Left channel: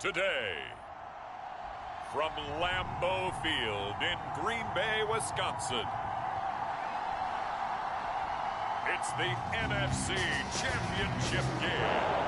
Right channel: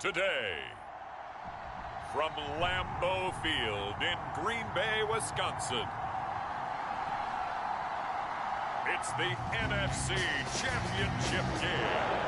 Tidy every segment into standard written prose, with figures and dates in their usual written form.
Today, from Lambeau Field in Green Bay, Wisconsin, it's the NFC Championship game.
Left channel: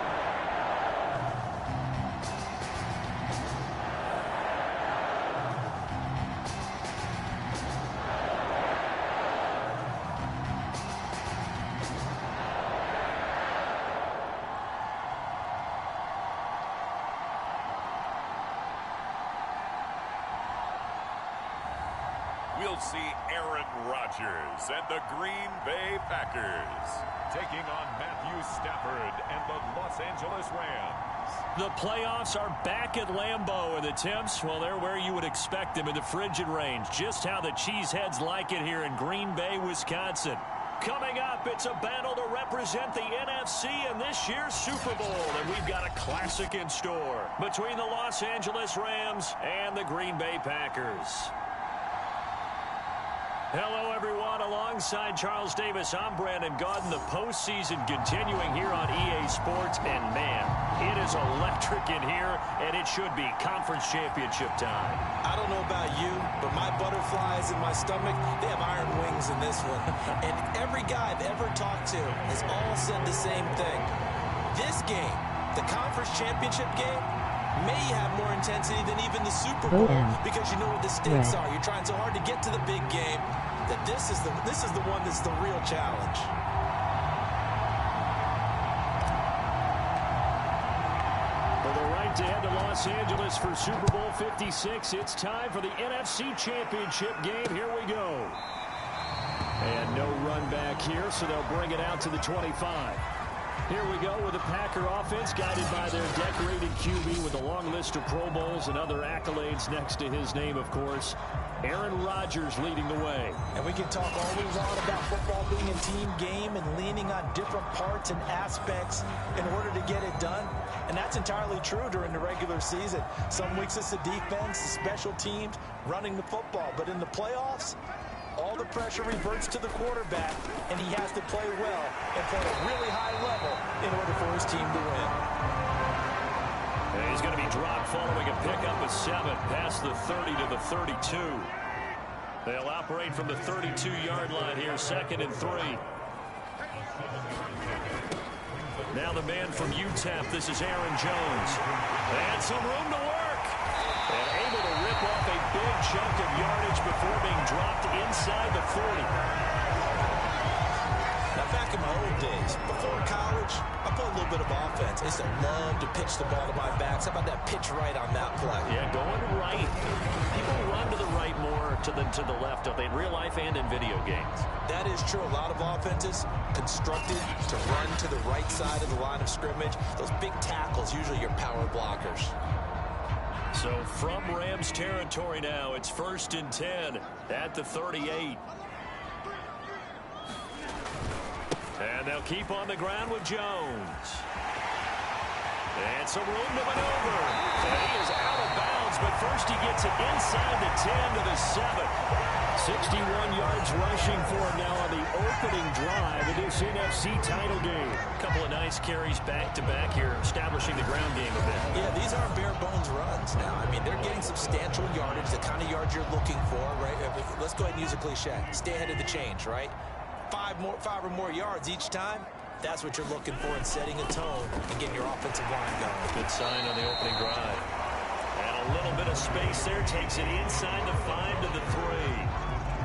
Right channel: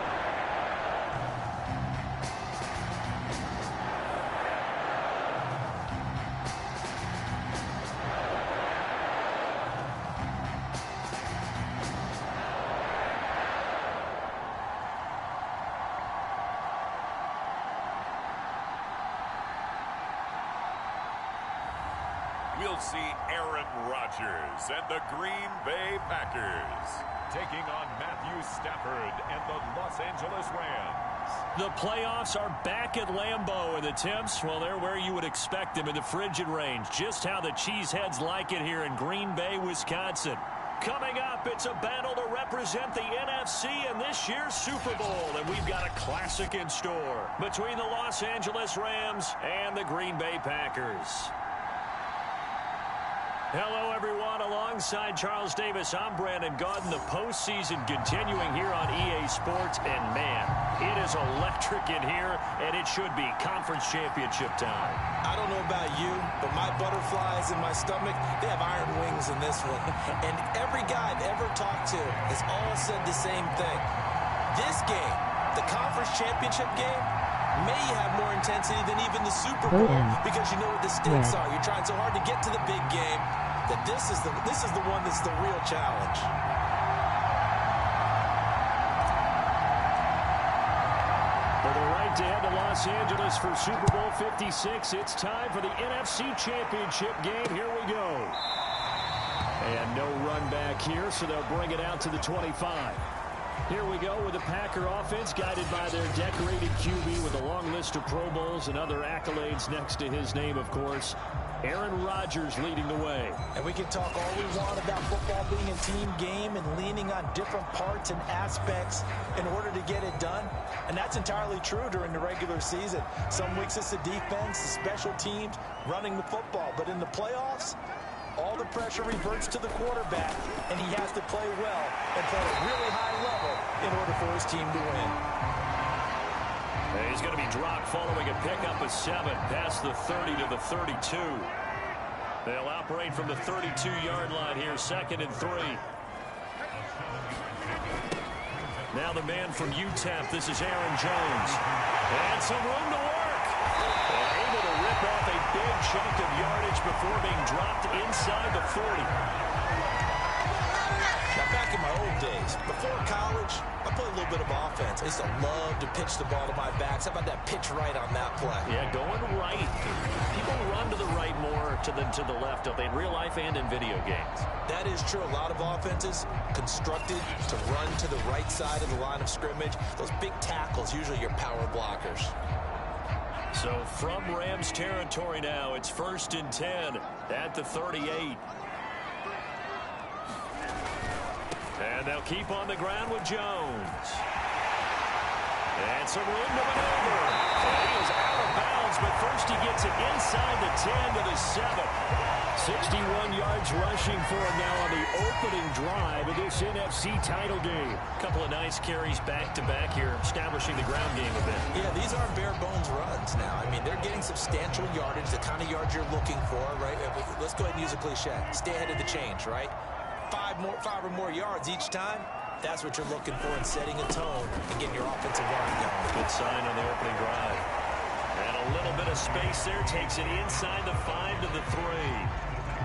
We'll see Aaron Rodgers and the Green Bay Packers taking on Matthew Stafford and the Los Angeles Rams. The playoffs are back at Lambeau, and the temps, well, they're where you would expect them in the frigid range. Just how the Cheeseheads like it here in Green Bay, Wisconsin. Coming up, it's a battle to represent the NFC in this year's Super Bowl, and we've got a classic in store between the Los Angeles Rams and the Green Bay Packers. Hello, everyone. Alongside Charles Davis, I'm Brandon Gaudin. The postseason continuing here on EA Sports. And, man, it is electric in here, and it should be conference championship time. I don't know about you, but my butterflies in my stomach, they have iron wings in this one. And every guy I've ever talked to has all said the same thing. This game, the conference championship game, may have more intensity than even the Super Bowl because you know what the stakes are. You're trying so hard to get to the big game that this is the one that's the real challenge. For the right to head to Los Angeles for Super Bowl 56, it's time for the NFC Championship game. Here we go. And no run back here, so they'll bring it out to the 25. Here we go with the Packer offense guided by their decorated QB with a long list of Pro Bowls and other accolades next to his name, of course. Aaron Rodgers leading the way. And we can talk all we want about football being a team game and leaning on different parts and aspects in order to get it done. And that's entirely true during the regular season. Some weeks it's the defense, the special teams, running the football. But in the playoffs, all the pressure reverts to the quarterback, and he has to play well and play at a really high level in order for his team to win. And he's going to be dropped following a pickup of 7 past the 30 to the 32. They'll operate from the 32-yard line here, 2nd and 3. Now the man from UTEP, this is Aaron Jones. And some room to work. And able to rip off a big chunk of yardage before being dropped inside the 40. Now, back in my old days, before college, I played a little bit of offense. I used to love to pitch the ball to my backs. How about that pitch right on that play? Yeah, going right. People run to the right more than to the left, don't they, in real life and in video games? That is true. A lot of offenses constructed to run to the right side of the line of scrimmage. Those big tackles, usually your power blockers. So from Rams territory now, it's 1st and 10 at the 38. And they'll keep on the ground with Jones. And some room to maneuver. And he is out of bounds, but first he gets it inside the 10 to the 7. 61 yards rushing for him now on the opening drive of this NFC title game. A couple of nice carries back-to-back here, establishing the ground game a bit. Yeah, these aren't bare-bones runs now. I mean, they're getting substantial yardage, the kind of yards you're looking for, right? Let's go ahead and use a cliche. Stay ahead of the change, right? 5 or more yards each time. That's what you're looking for in setting a tone and getting your offensive line going. Good sign on the opening drive. And a little bit of space there. Takes it inside the 5 to the 3.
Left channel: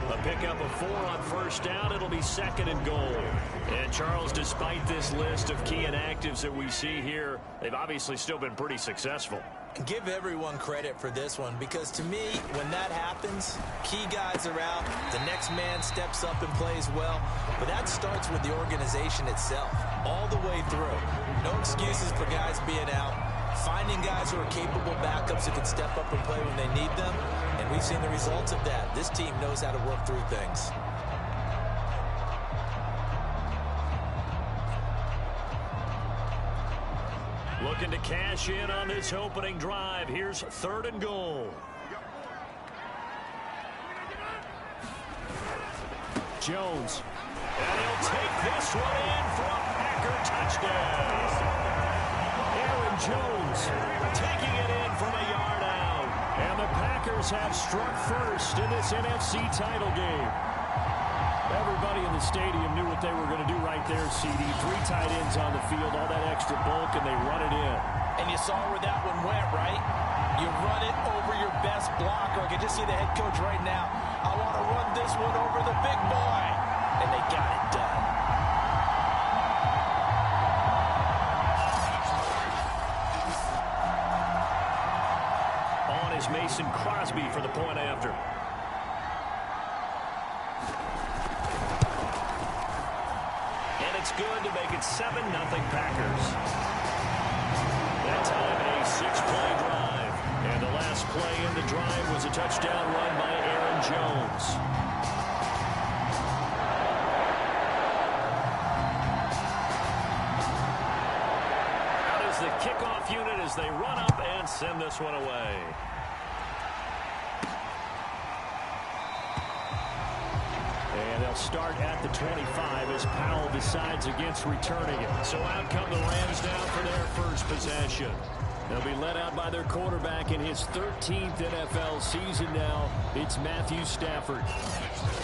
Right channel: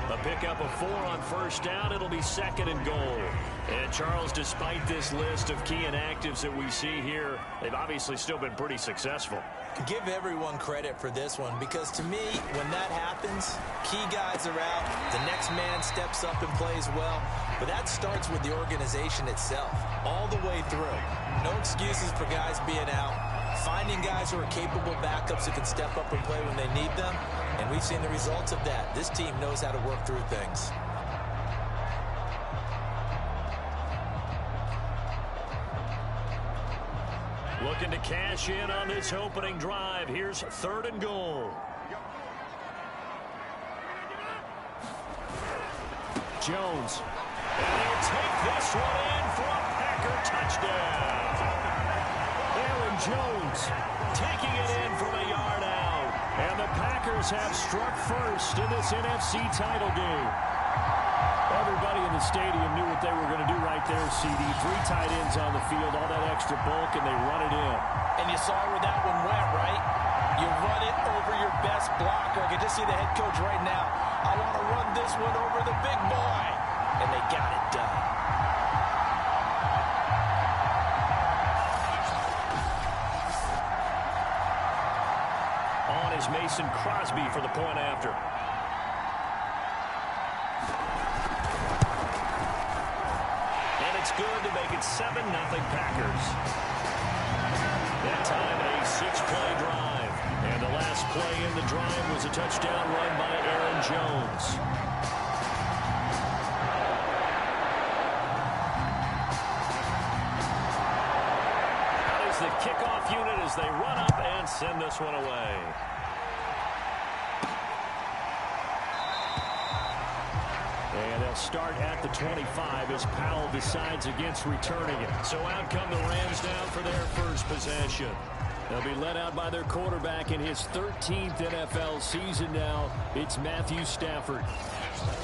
A pickup of 4 on 1st down. It'll be 2nd and goal. And, Charles, despite this list of key inactives that we see here, they've obviously still been pretty successful. Give everyone credit for this one because, to me, when that happens, key guys are out, the next man steps up and plays well. But that starts with the organization itself, all the way through. No excuses for guys being out. Finding guys who are capable backups who can step up and play when they need them. And we've seen the results of that. This team knows how to work through things. Looking to cash in on this opening drive. Here's 3rd and goal. Jones. And he'll take this one in for a Packer touchdown. Aaron Aaron Jones taking it in from a yard out. And the Packers have struck first in this NFC title game. Everybody in the stadium knew what they were going to do right there, CD. 3 tight ends on the field, all that extra bulk, and they run it in. And you saw where that one went, right? You run it over your best blocker. I can just see the head coach right now. I want to run this one over the big boy. And they got it done. On is Mason Crosby for the point after. And it's good to make it 7-0 Packers. That time a 6-play drive. And the last play in the drive was a touchdown run by Aaron Jones. Out is the kickoff unit as they run up and send this one away. And they'll start at the 25 as Powell decides against returning it. So out come the Rams now for their first possession. They'll be led out by their quarterback in his 13th NFL season now. It's Matthew Stafford.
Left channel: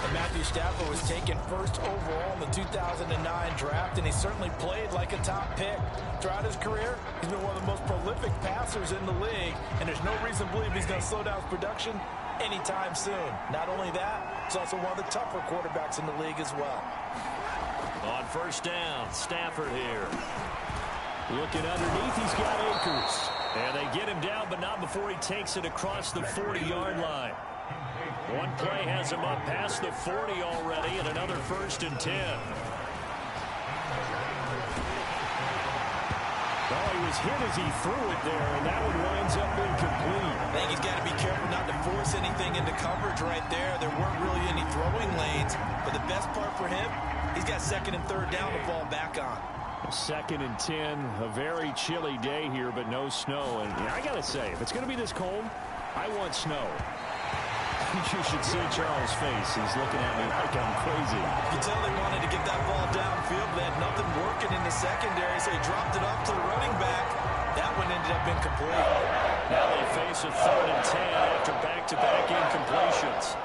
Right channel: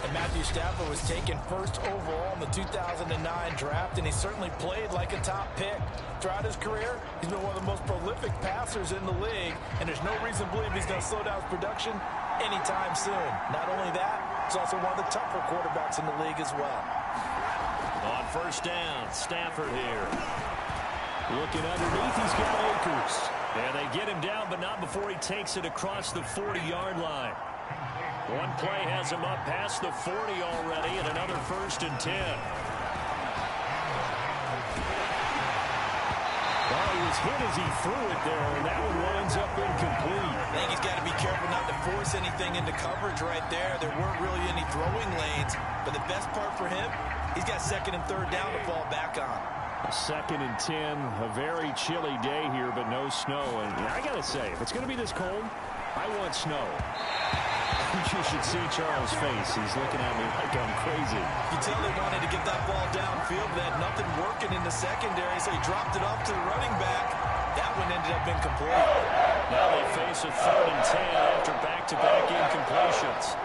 And Matthew Stafford was taken first overall in the 2009 draft, and he certainly played like a top pick. Throughout his career, he's been one of the most prolific passers in the league, and there's no reason to believe he's going to slow down his production anytime soon. Not only that, he's also one of the tougher quarterbacks in the league as well. On first down, Stafford here. Looking underneath, he's got Akers. And they get him down, but not before he takes it across the 40-yard line. One play has him up past the 40 already, and another 1st and 10. Oh, he was hit as he threw it there, and that one winds up incomplete. I think he's got to be careful not to force anything into coverage right there. There weren't really any throwing lanes, but the best part for him, he's got 2nd and 3rd down to fall back on. 2nd and 10, a very chilly day here, but no snow. And I got to say, if it's going to be this cold, I want snow. You should see Charles' face. He's looking at me like I'm crazy. You can tell they wanted to get that ball downfield, but they had nothing working in the secondary, so he dropped it off to the running back. That one ended up incomplete. Now they face a 3rd and 10 after back-to-back incompletions.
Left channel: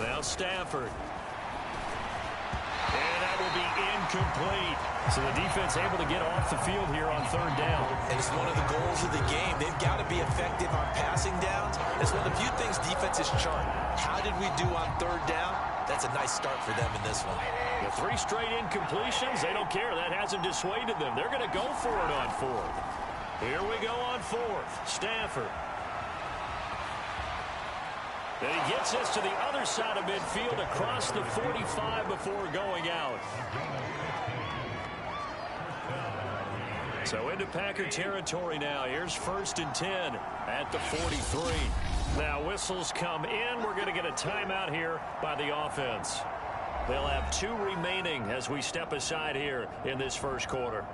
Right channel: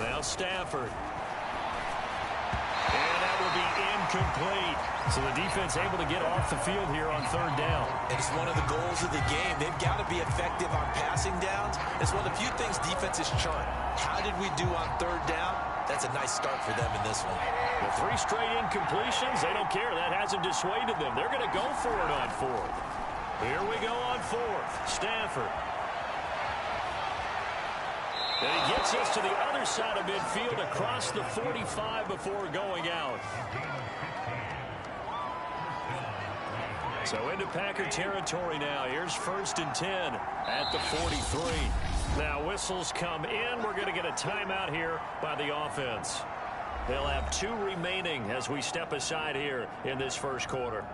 Now Stafford. And that will be incomplete. So the defense able to get off the field here on 3rd down. And it's one of the goals of the game. They've got to be effective on passing downs. It's one of the few things defenses chart. How did we do on 3rd down? That's a nice start for them in this one. The 3 straight incompletions, they don't care. That hasn't dissuaded them. They're going to go for it on 4th. Here we go on 4th. Stafford. And he gets us to the other side of midfield across the 45 before going out. So into Packer territory now. Here's 1st and 10 at the 43. Now whistles come in. We're going to get a timeout here by the offense. They'll have 2 remaining as we step aside here in this first quarter.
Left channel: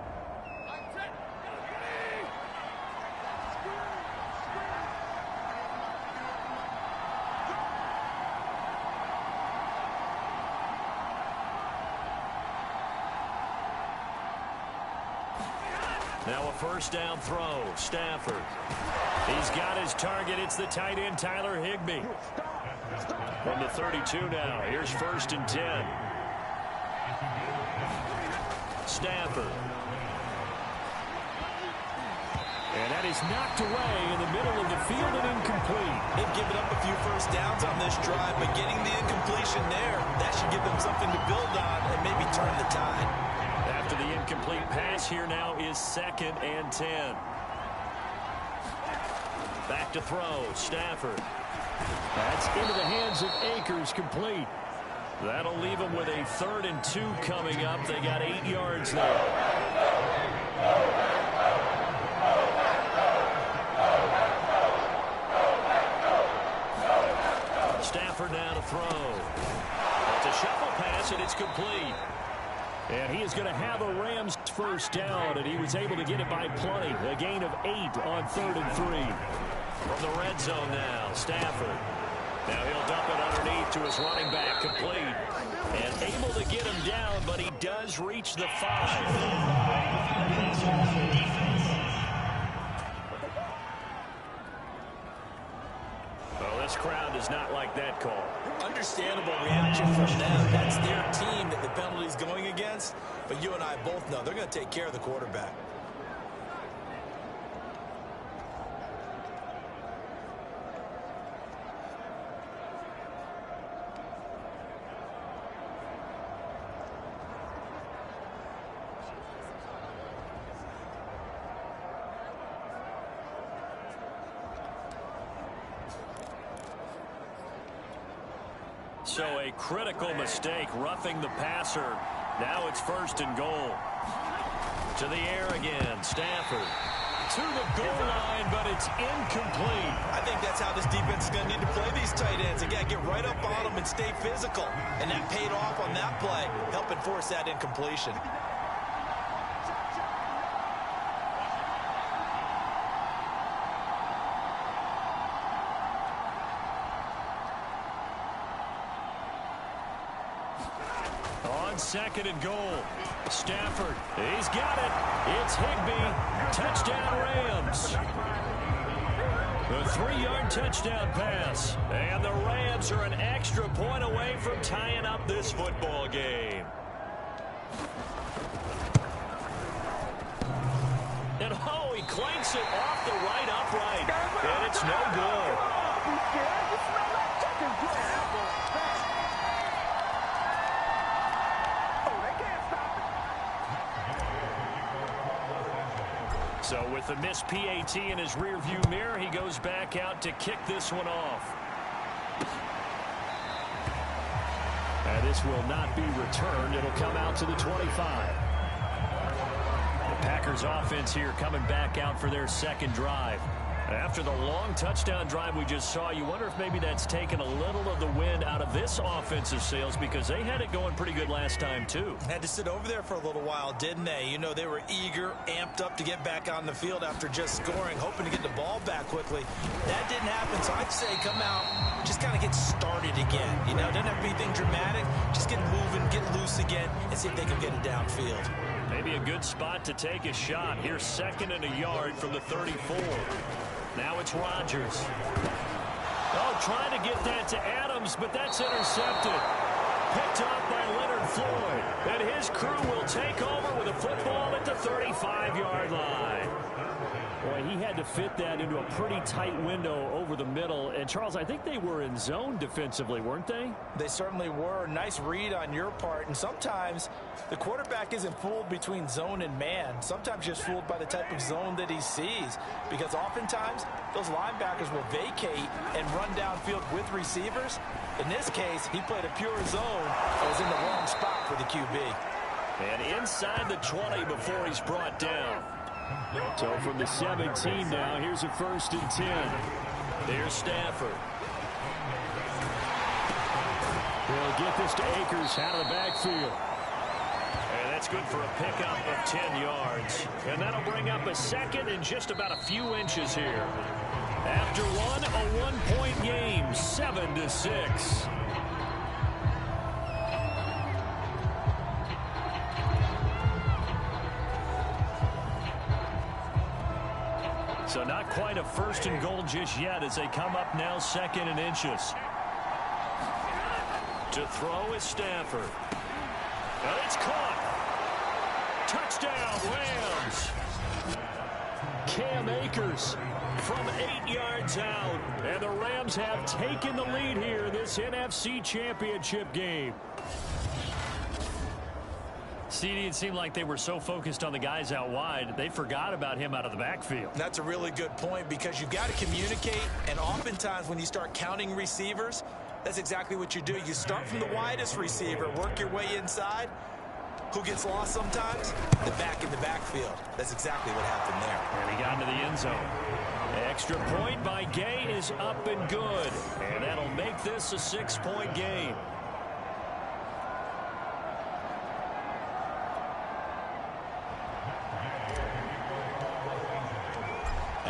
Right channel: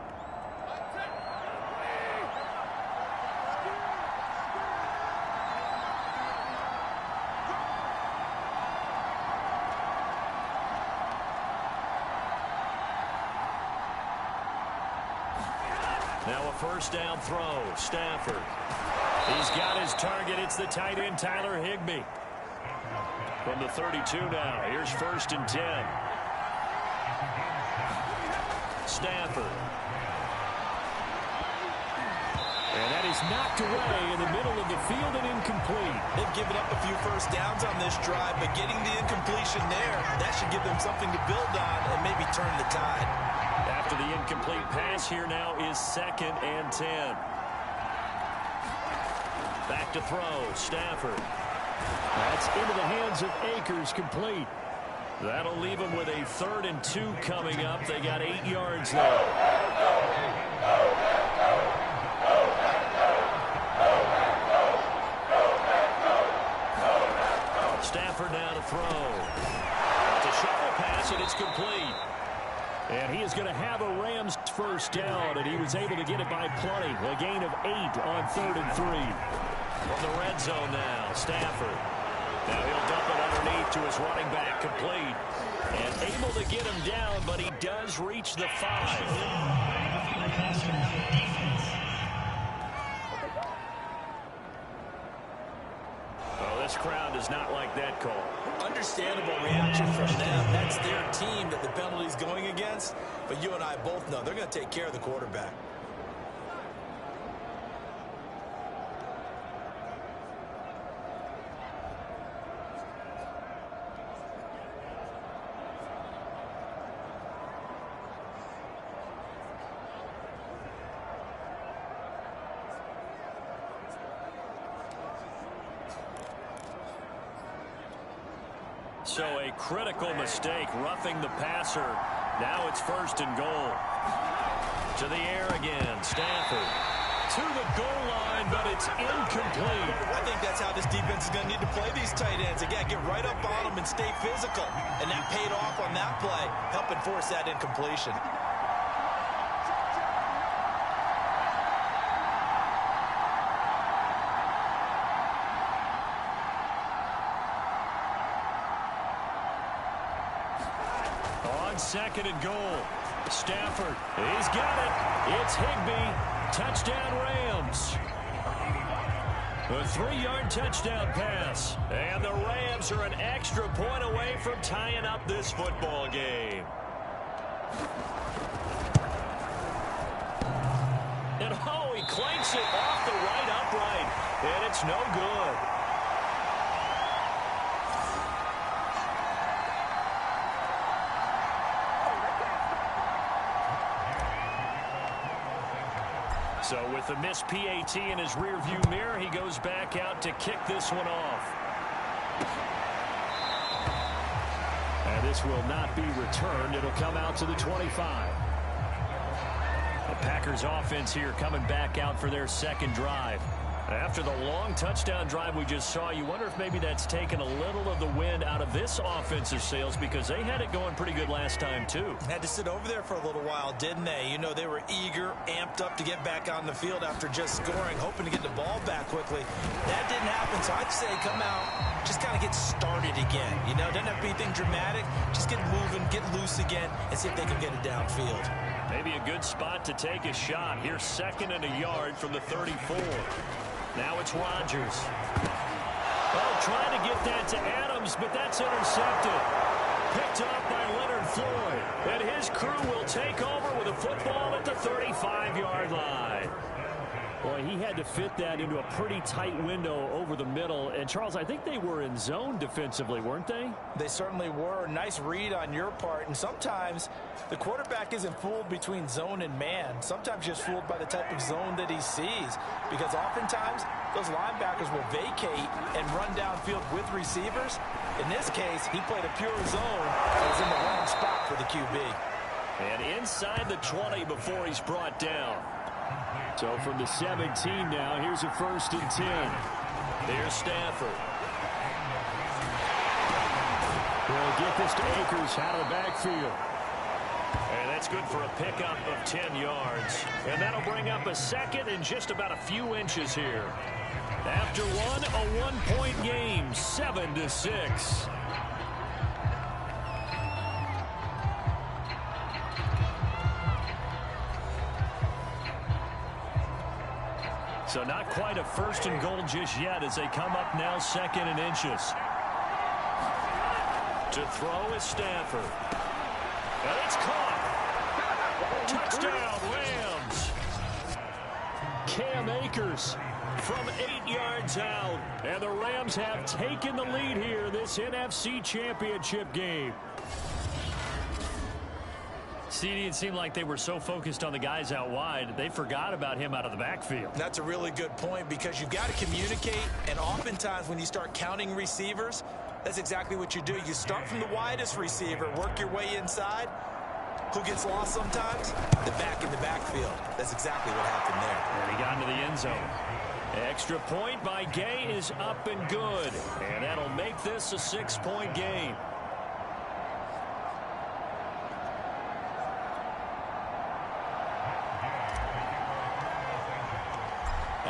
Now a 1st down throw. Stafford. He's got his target. It's the tight end, Tyler Higbee. From the 32 now. Here's 1st and 10. Stafford. And that is knocked away in the middle of the field and incomplete. They've given up a few 1st downs on this drive, but getting the incompletion there, that should give them something to build on and maybe turn the tide. After the incomplete pass, here now is 2nd and 10. Back to throw. Stafford. That's into the hands of Akers, complete. That'll leave them with a 3rd and 2 coming up. They got 8 yards there. Stafford now to throw. It's a shuffle pass. pass, and it's complete. And he is going to have a Rams first down, and he was able to get it by plenty. A gain of 8 on 3rd and 3. From the red zone now, Stafford. Now he'll dump it underneath to his running back, complete. And able to get him down, but he does reach the 5. Oh, this crowd does not like that call. Understandable reaction from them. That's their team that the penalty's going against. But you and I both know they're going to take care of the quarterback. So a critical mistake, roughing the passer. Now it's 1st and goal. To the air again, Stafford. To the goal line, but it's incomplete. I think that's how this defense is going to need to play these tight ends. Again, get right up on them and stay physical. And that paid off on that play, helping force that incompletion. On 2nd and goal, Stafford, he's got it. It's Higbee. Touchdown Rams. A 3-yard touchdown pass. And the Rams are an extra point away from tying up this football game. And oh, he clanks it off the right upright. And it's no good. So with the missed PAT in his rearview mirror, he goes back out to kick this one off. And this will not be returned. It'll come out to the 25. The Packers offense here coming back out for their 2nd drive. After the long touchdown drive we just saw, you wonder if maybe that's taken a little of the wind out of this offensive sails, because they had it going pretty good last time too. Had to sit over there for a little while, didn't they? You know, they were eager, amped up to get back on the field after just scoring, hoping to get the ball back quickly. That didn't happen, so I'd say come out, just kind of get started again. You know, doesn't have to be anything dramatic. Just get moving, get loose again, and see if they can get it downfield. Maybe a good spot to take a shot. Here's 2nd and a yard from the 34. Now it's Rodgers. Oh, trying to get that to Adams, but that's intercepted. Picked up by Leonard Floyd. And his crew will take over with a football at the 35-yard line. Boy, he had to fit that into a pretty tight window over the middle. And, Charles, I think they were in zone defensively, weren't they? They certainly were. Nice read on your part. And sometimes the quarterback isn't fooled between zone and man. Sometimes just fooled by the type of zone that he sees. Because oftentimes those linebackers will vacate and run downfield with receivers. In this case, he played a pure zone and was in the wrong spot for the QB. And inside the 20 before he's brought down. So from the 17 now, here's a 1st and 10. There's Stafford. He'll get this to Akers out of the backfield. And that's good for a pickup of 10 yards. And that'll bring up a 2nd and just about a few inches here. After one, a 1-point game, 7-6. So not quite a 1st and goal just yet as they come up now 2nd and inches. To throw is Stafford. And it's caught. Touchdown, Rams. Cam Akers from 8 yards out. And the Rams have taken the lead here in this NFC Championship game. CD, it seemed like they were so focused on the guys out wide, they forgot about him out of the backfield. That's a really good point, because you've got to communicate, and oftentimes when you start counting receivers, that's exactly what you do. You start from the widest receiver, work your way inside. Who gets lost sometimes? The back in the backfield. That's exactly what happened there. And he got into the end zone. Extra point by Gay is up and good, and that'll make this a 6-point game.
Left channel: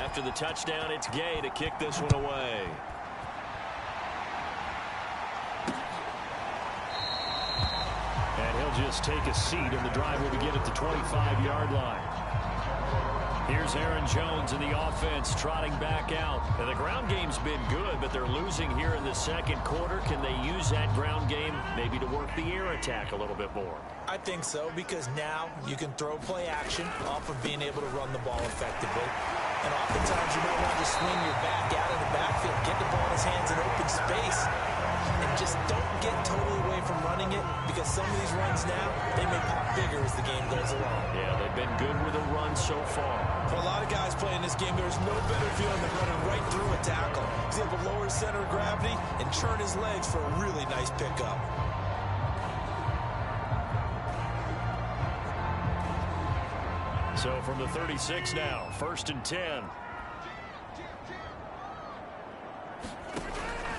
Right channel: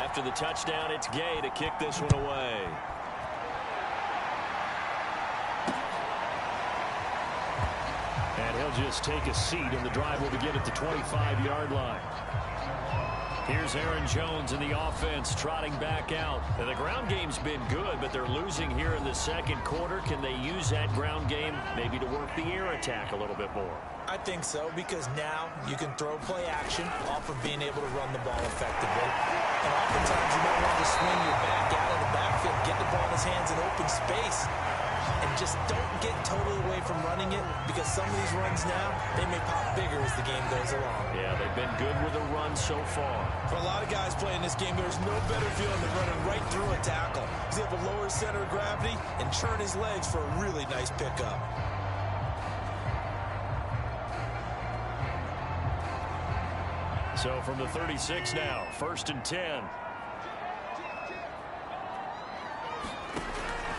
after the touchdown, it's Gay to kick this one away. And he'll just take a seat, and the drive will begin at the 25-yard line. Here's Aaron Jones in the offense trotting back out. And the ground game's been good, but they're losing here in the second quarter. Can they use that ground game maybe to work the air attack a little bit more? I think so, because now you can throw play action off of being able to run the ball effectively. And oftentimes you might want to swing your back out of the backfield, get the ball in his hands in open space, and just don't get totally away from running it, because some of these runs now, they may pop bigger as the game goes along. Yeah, they've been good with a run so far. For a lot of guys playing this game, there's no better feeling than running right through a tackle. He's able to lower his center of gravity and turn his legs for a really nice pickup. So from the 36 now, 1st and 10.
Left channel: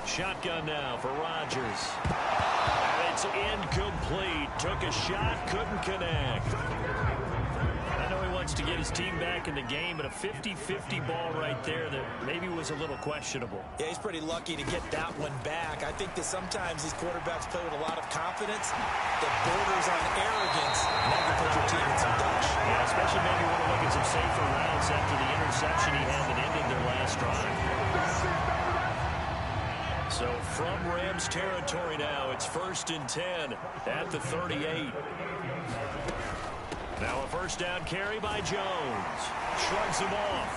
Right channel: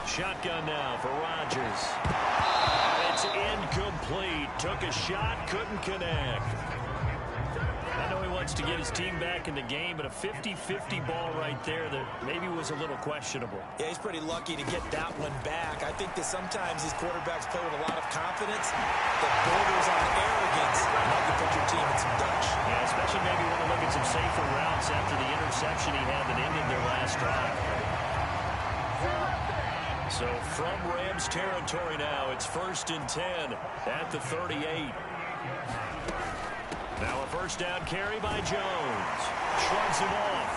Shotgun now for Rodgers. And it's incomplete. Took a shot, couldn't connect. I know he wants to get his team back in the game, but a 50-50 ball right there that maybe was a little questionable. Yeah, he's pretty lucky to get that one back. I think that sometimes these quarterbacks play with a lot of confidence that borders on arrogance, and that can put your team in some Dutch. Yeah, especially maybe want to look at some safer routes after the interception he had that ended their last drive. So from Rams territory now, it's 1st and 10 at the 38. Now a first down carry by Jones. Shrugs him off.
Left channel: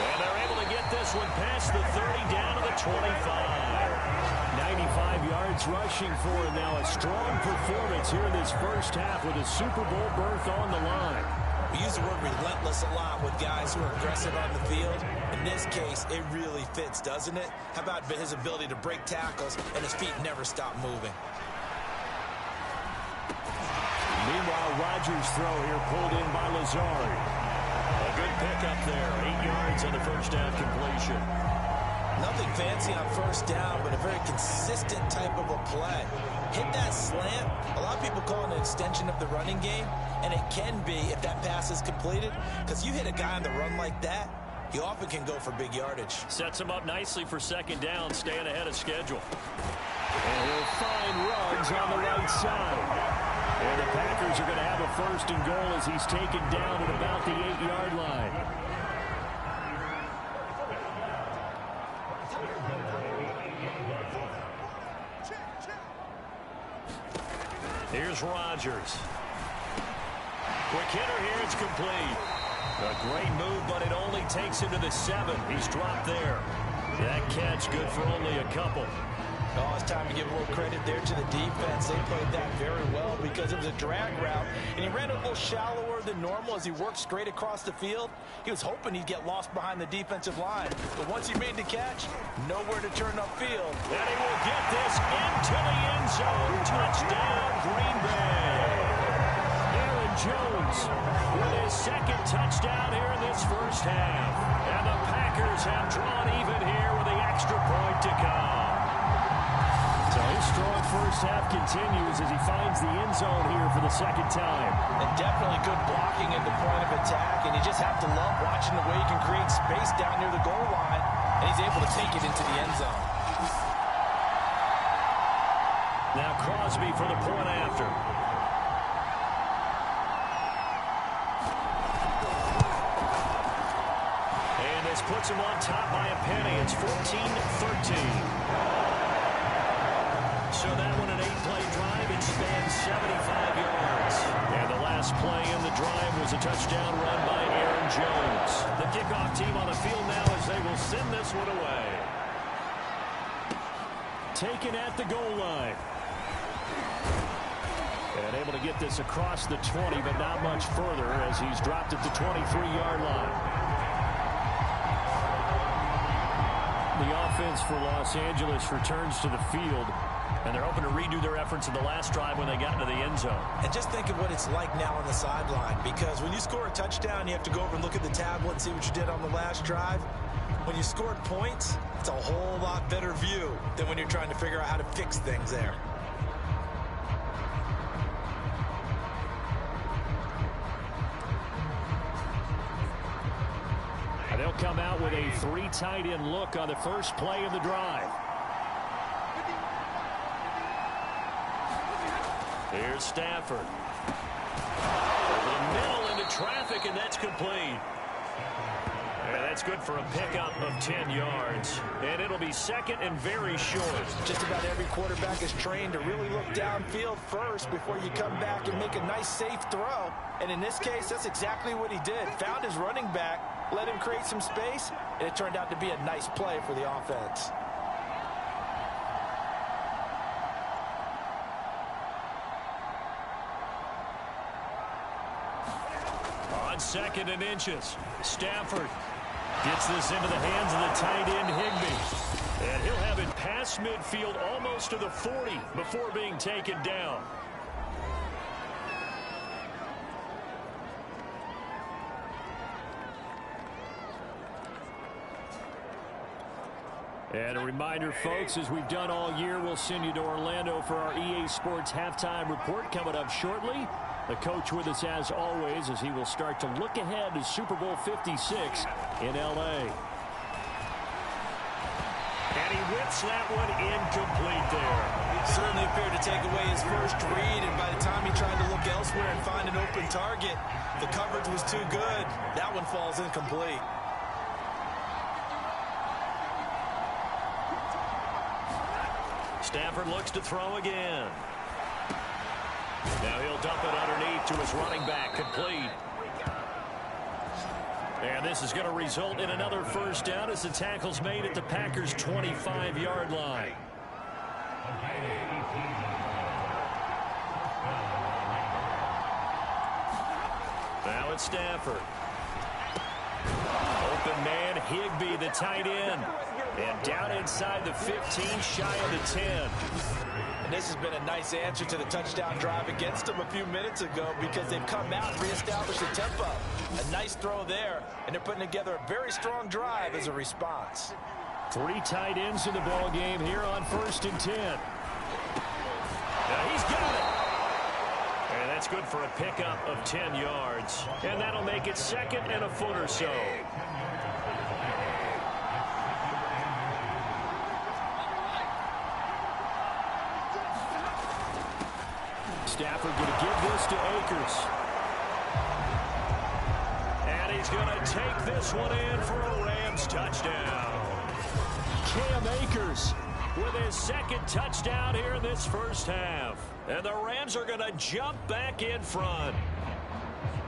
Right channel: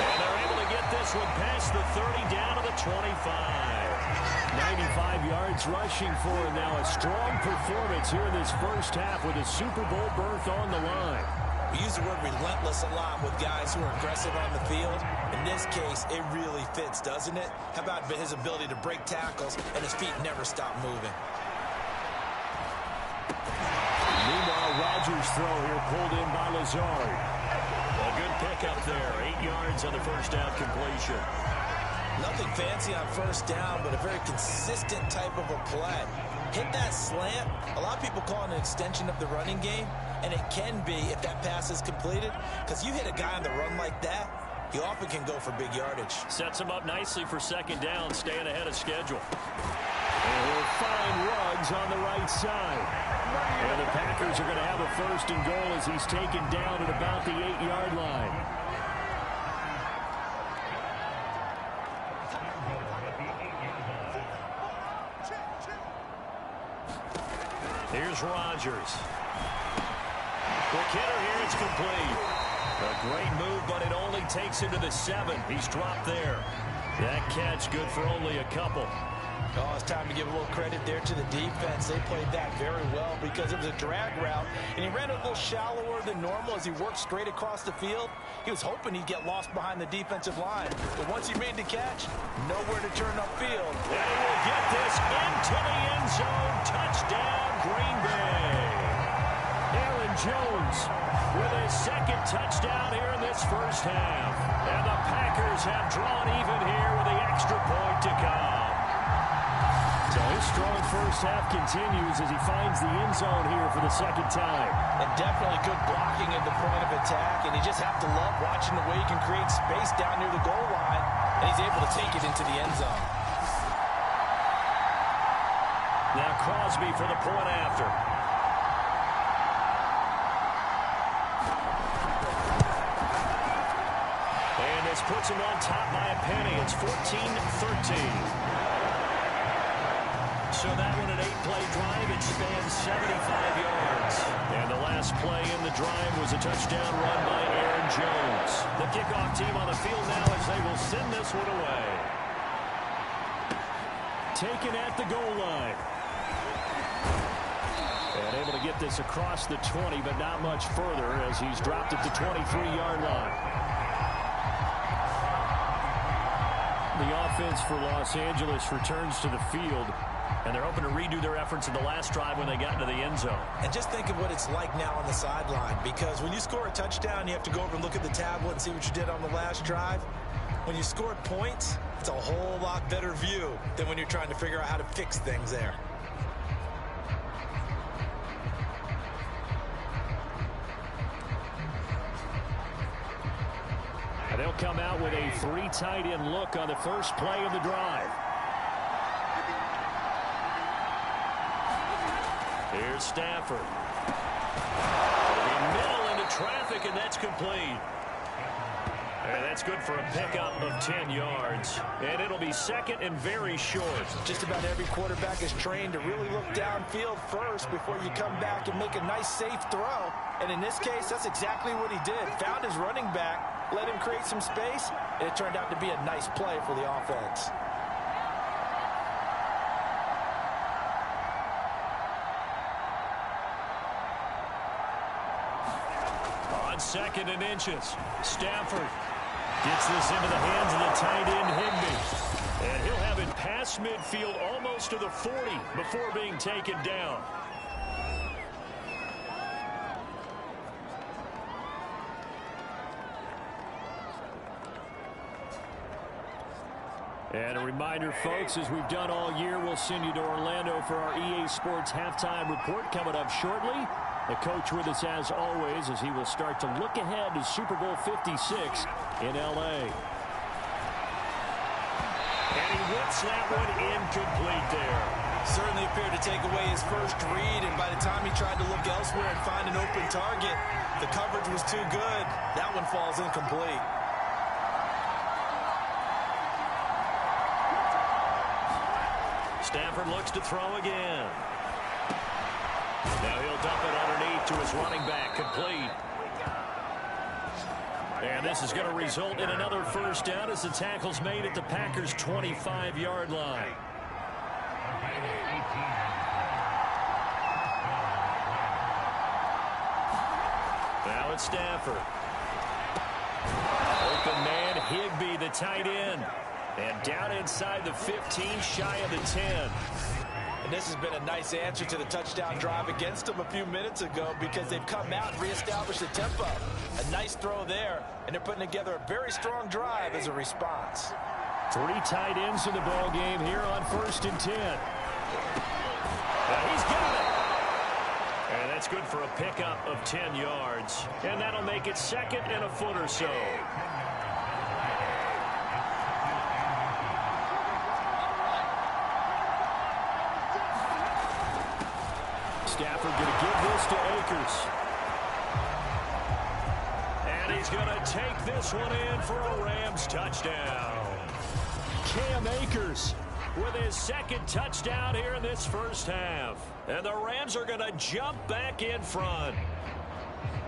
And they're able to get this one past the 30 down to the 25. 95 yards rushing for him now. A strong performance here in this first half with a Super Bowl berth on the line. We use the word relentless a lot with guys who are aggressive on the field. In this case, it really fits, doesn't it? How about his ability to break tackles and his feet never stop moving? Meanwhile, Rodgers' throw here pulled in by Lazard. A good pickup there. 8 yards on the first down completion. Nothing fancy on first down, but a very consistent type of a play. Hit that slant. A lot of people call it an extension of the running game, and it can be if that pass is completed, because you hit a guy on the run like that, he often can go for big yardage. Sets him up nicely for second down, staying ahead of schedule. And he'll find Ruggs on the right side. And the Packers are going to have a 1st and goal as he's taken down at about the 8-yard line. Here's Rodgers. Quick hitter here, it's complete. A great move, but it only takes him to the 7. He's dropped there. That catch good for only a couple. Oh, it's time to give a little credit there to the defense. They played that very well because it was a drag route, and he ran a little shallower than normal as he worked straight across the field. He was hoping he'd get lost behind the defensive line, but once he made the catch, nowhere to turn upfield. And he will get this into the end zone. Touchdown, Green Bay. Aaron Jones with his 2nd touchdown here in this first half. And the Packers have drawn even here with the extra point to come. So his strong first half continues as he finds the end zone here for the 2nd time. And definitely good blocking at the point of attack, and you just have to love watching the way he can create space down near the goal line, and he's able to take it into the end zone. Now Crosby for the point after. And this puts him on top by a penny. It's 14-13. So that one, an 8-play drive. It spans 75 yards. And the last play in the drive was a touchdown run by Aaron Jones. The kickoff team on the field now as they will send this one away. Taken at the goal line. And able to get this across the 20, but not much further as he's dropped at the 23-yard line. The offense for Los Angeles returns to the field, and they're hoping to redo their efforts in the last drive when they got into the end zone. And just think of what it's like now on the sideline, because when you score a touchdown, you have to go over and look at the tablet and see what you did on the last drive. When you scored points, it's a whole lot better view than when you're trying to figure out how to fix things there. come out with a 3 tight end look on the first play of the drive. Here's Stafford. Over the middle into traffic, and that's complete. And that's good for a pickup of 10 yards. And it'll be second and very short. Just about every quarterback is trained to really look downfield first before you come back and make a nice, safe throw. And in this case, that's exactly what he did. Found his running back, let him create some space, and it turned out to be a nice play for the offense. On 2nd and inches, Stafford gets this into the hands of the tight end Higbee. And he'll have it past midfield almost to the 40 before being taken down. And a reminder, folks, as we've done all year, we'll send you to Orlando for our EA Sports halftime report coming up shortly. The coach with us as always as he will start to look ahead to Super Bowl 56 in L.A. And he whips that one incomplete there. Certainly appeared to take away his first read, and by the time he tried to look elsewhere and find an open target, the coverage was too good. That one falls incomplete. Stafford looks to throw again. Now he'll dump it underneath to his running back, complete. And this is going to result in another first down as the tackle's made at the Packers' 25-yard line. Now it's Stafford. Open man, Higbee, the tight end. And down inside the 15, shy of the 10. And this has been a nice answer to the touchdown drive against them a few minutes ago because they've come out and reestablished the tempo. A nice throw there, and they're putting together a very strong drive as a response. 3 tight ends in the ball game here on 1st and 10. Now he's got it. And that's good for a pickup of 10 yards. And that'll make it 2nd and a foot or so. Stafford going to give this to Akers. And he's going to take this one in for a Rams touchdown. Cam Akers with his 2nd touchdown here in this first half. And the Rams are going to jump back in front.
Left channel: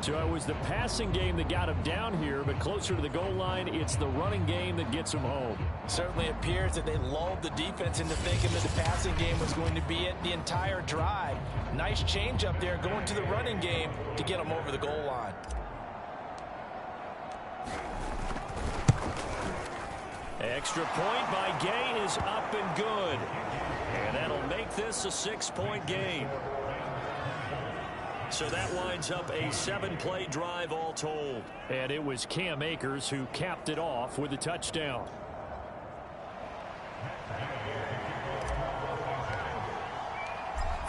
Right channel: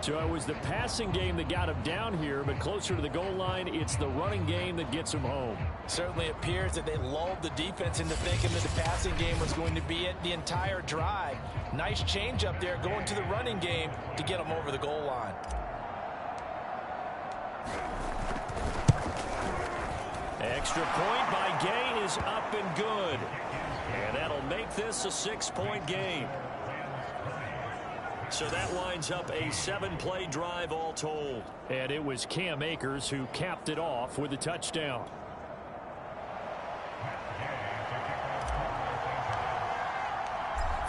So it was the passing game that got him down here, but closer to the goal line, it's the running game that gets him home. Certainly appears that they lulled the defense into thinking that the passing game was going to be it the entire drive. Nice change up there going to the running game to get them over the goal line. Extra point by Gay is up and good. And that'll make this a 6-point game. So that winds up a 7-play drive all told. And it was Cam Akers who capped it off with a touchdown.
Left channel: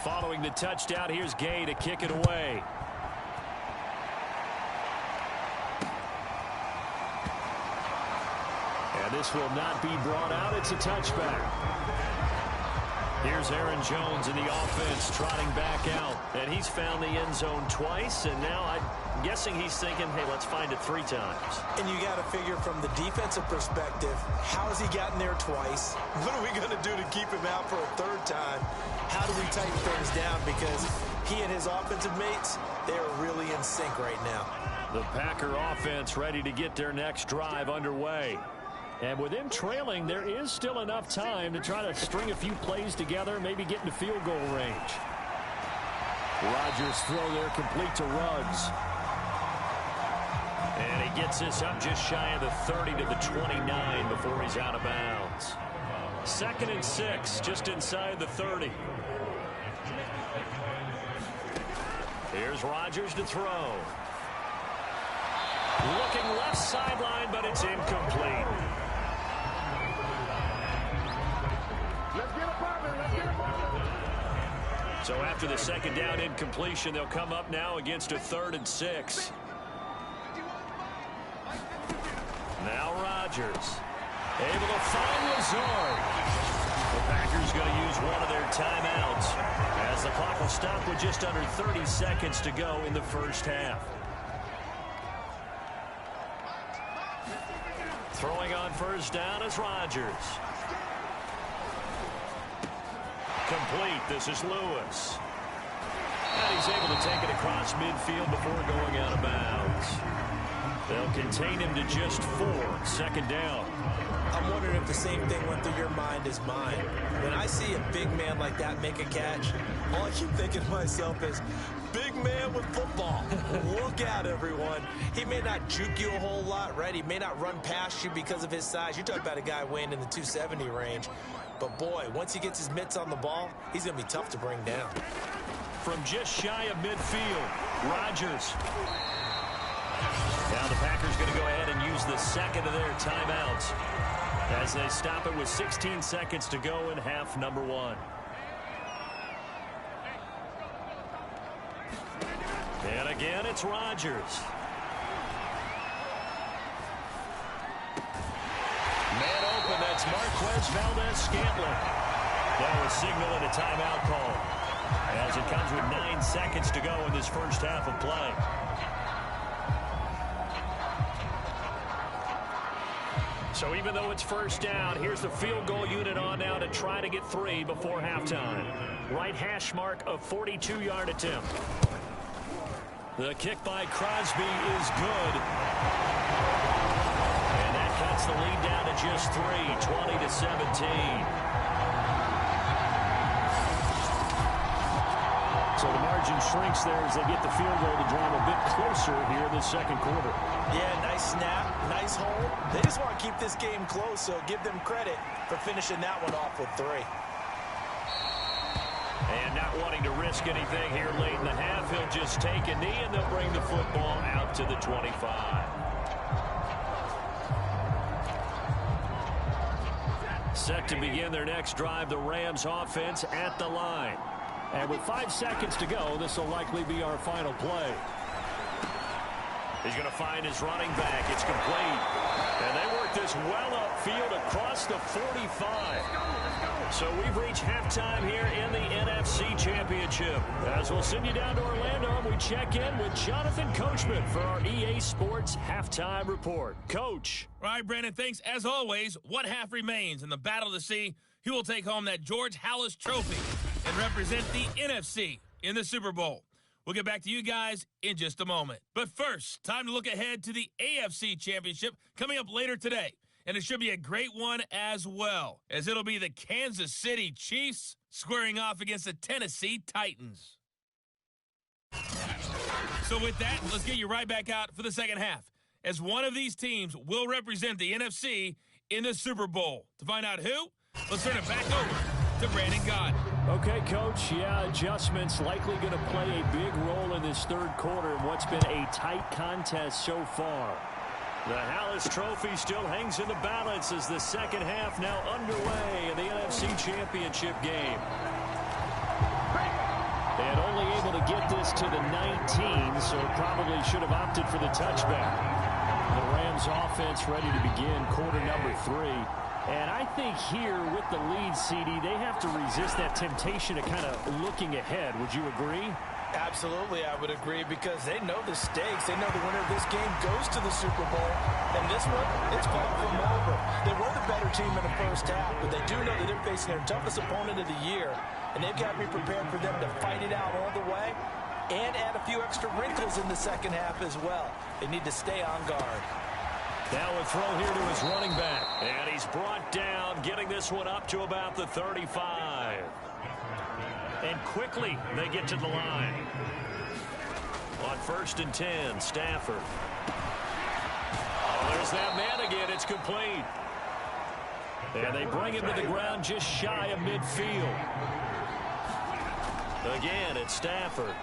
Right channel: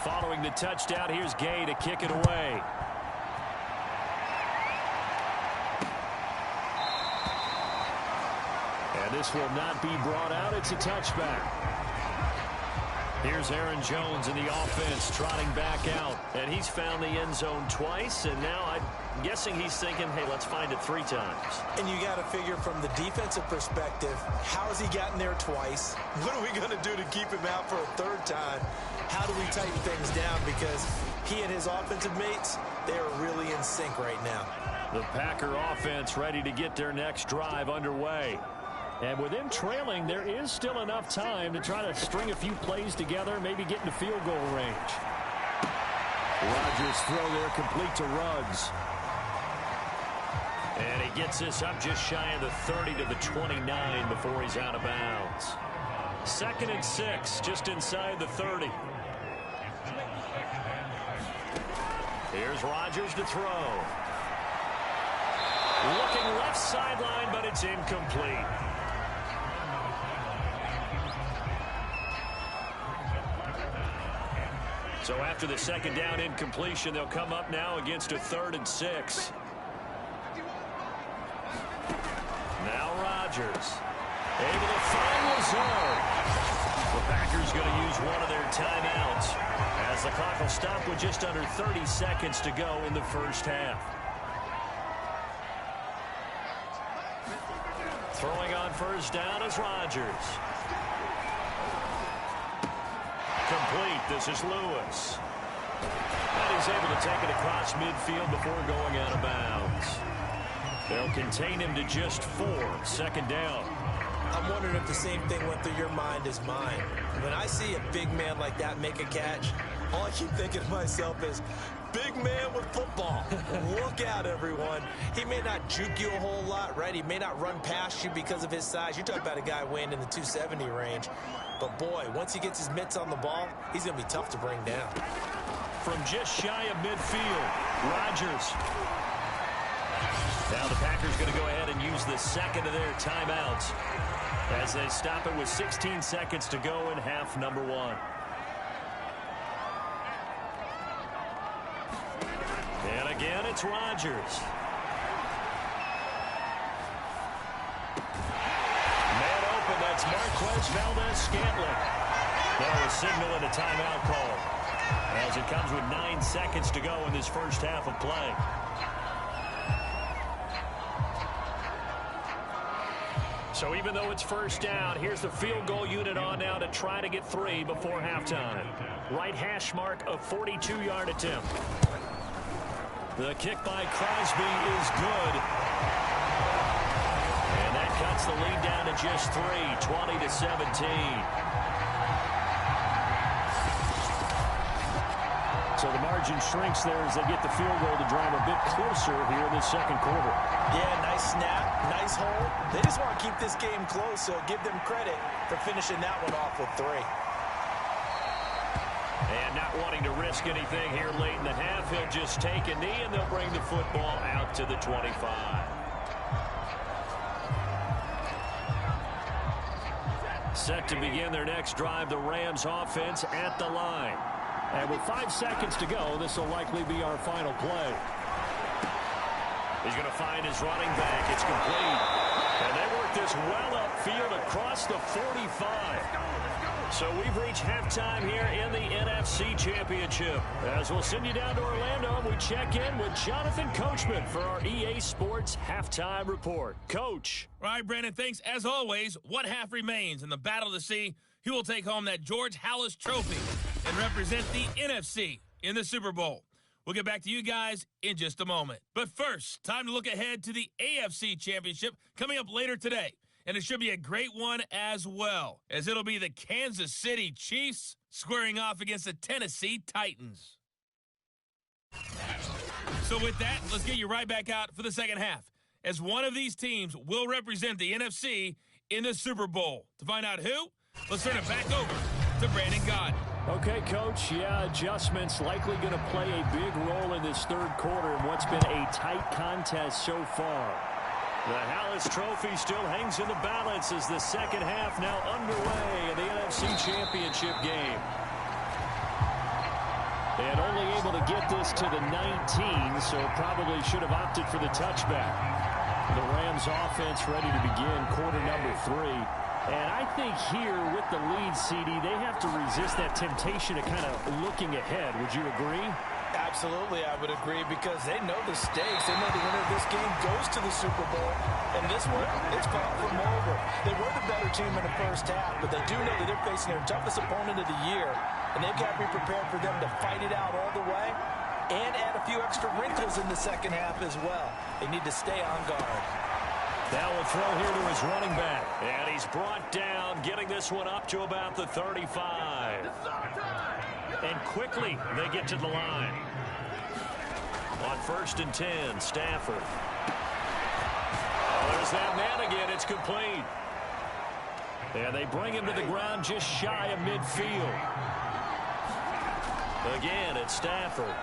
Following the touchdown, here's Gay to kick it away. And this will not be brought out. It's a touchback. Here's Aaron Jones in the offense trotting back out. And he's found the end zone twice. And now I'm guessing he's thinking, hey, let's find it 3 times. And you got to figure from the defensive perspective, how has he gotten there twice? What are we going to do to keep him out for a 3rd time? How do we tighten things down? Because he and his offensive mates, they are really in sync right now. The Packer offense ready to get their next drive underway. And with them trailing, there is still enough time to try to string a few plays together, maybe get into field goal range. Rodgers' throw there complete to Ruggs. And he gets this up just shy of the 30 to the 29 before he's out of bounds. 2nd and 6, just inside the 30. Here's Rodgers to throw. Looking left sideline, but it's incomplete. So after the 2nd down incompletion, they'll come up now against a 3rd and 6. Now Rodgers. Able to find Lazard. The Packers going to use one of their timeouts as the clock will stop with just under 30 seconds to go in the first half. Throwing on first down is Rodgers. Complete. This is Lewis. And he's able to take it across midfield before going out of bounds. They'll contain him to just 4. Second down. I'm wondering if the same thing went through your mind as mine. When I see a big man like that make a catch, all I keep thinking to myself is, big man with football. Look out, everyone. He may not juke you a whole lot, right? He may not run past you because of his size. You're talking about a guy weighing in the 270 range. But, boy, once he gets his mitts on the ball, he's going to be tough to bring down. From just shy of midfield, Rodgers. Now the Packers going to go ahead and use the second of their timeouts as they stop it with 16 seconds to go in half number 1. And again, it's Rodgers. Man open, that's Marquez Valdes-Scantling. Now a signal and a timeout call as it comes with 9 seconds to go in this first half of play. So even though it's first down, here's the field goal unit on now to try to get 3 before halftime. Right hash mark of 42-yard attempt. The kick by Crosby is good. And that cuts the lead down to just 3, 20-17. So the margin shrinks there as they get the field goal to draw them a bit closer here in this second quarter. Yeah, nice snap, nice hold. They just want to keep this game close, so give them credit for finishing that one off with 3. And not wanting to risk anything here late in the half, he'll just take a knee and they'll bring the football out to the 25. Set to begin their next drive, the Rams offense at the line. And with 5 seconds to go, this will likely be our final play. He's going to find his running back. It's complete. And they work this well upfield across the 45. So we've reached halftime here in the NFC Championship. As we'll send you down to Orlando, and we check in with Jonathan Coachman for our EA Sports Halftime Report. Coach. All right, Brandon, thanks. As always, one half remains in the battle to see who will take home that George Halas Trophy and represent the NFC in the Super Bowl. We'll get back to you guys in just a moment. But first, time to look ahead to the AFC Championship coming up later today. And it should be a great one as well, as it'll be the Kansas City Chiefs squaring off against the Tennessee Titans. So with that, let's get you right back out for the second half, as one of these teams will represent the NFC in the Super Bowl. To find out who, let's turn it back over to Brandon Gaudin. Okay, Coach, yeah, adjustments likely going to play a big role in this third quarter in what's been a tight contest so far. The Halas Trophy still hangs in the balance as the second half now underway in the NFC Championship game. And only able to get this to the 19, so probably should have opted for the touchback. The Rams offense ready to begin quarter number 3. And I think here with the lead, CD, they have to resist that temptation of kind of looking ahead. Would you agree? Absolutely, I would agree, because they know the stakes. They know the winner of this game goes to the Super Bowl. And this one, it's far from over. They were the better team in the first half, but they do know that they're facing their toughest opponent of the year. And they've got to be prepared for them to fight it out all the way and add a few extra wrinkles in the second half as well. They need to stay on guard. Now a throw here to his running back. And he's brought down, getting this one up to about the 35. And quickly they get to the line. On 1st and 10, Stafford. Oh, there's that man again. It's complete. And they bring him to the ground just shy of midfield. Again, it's Stafford.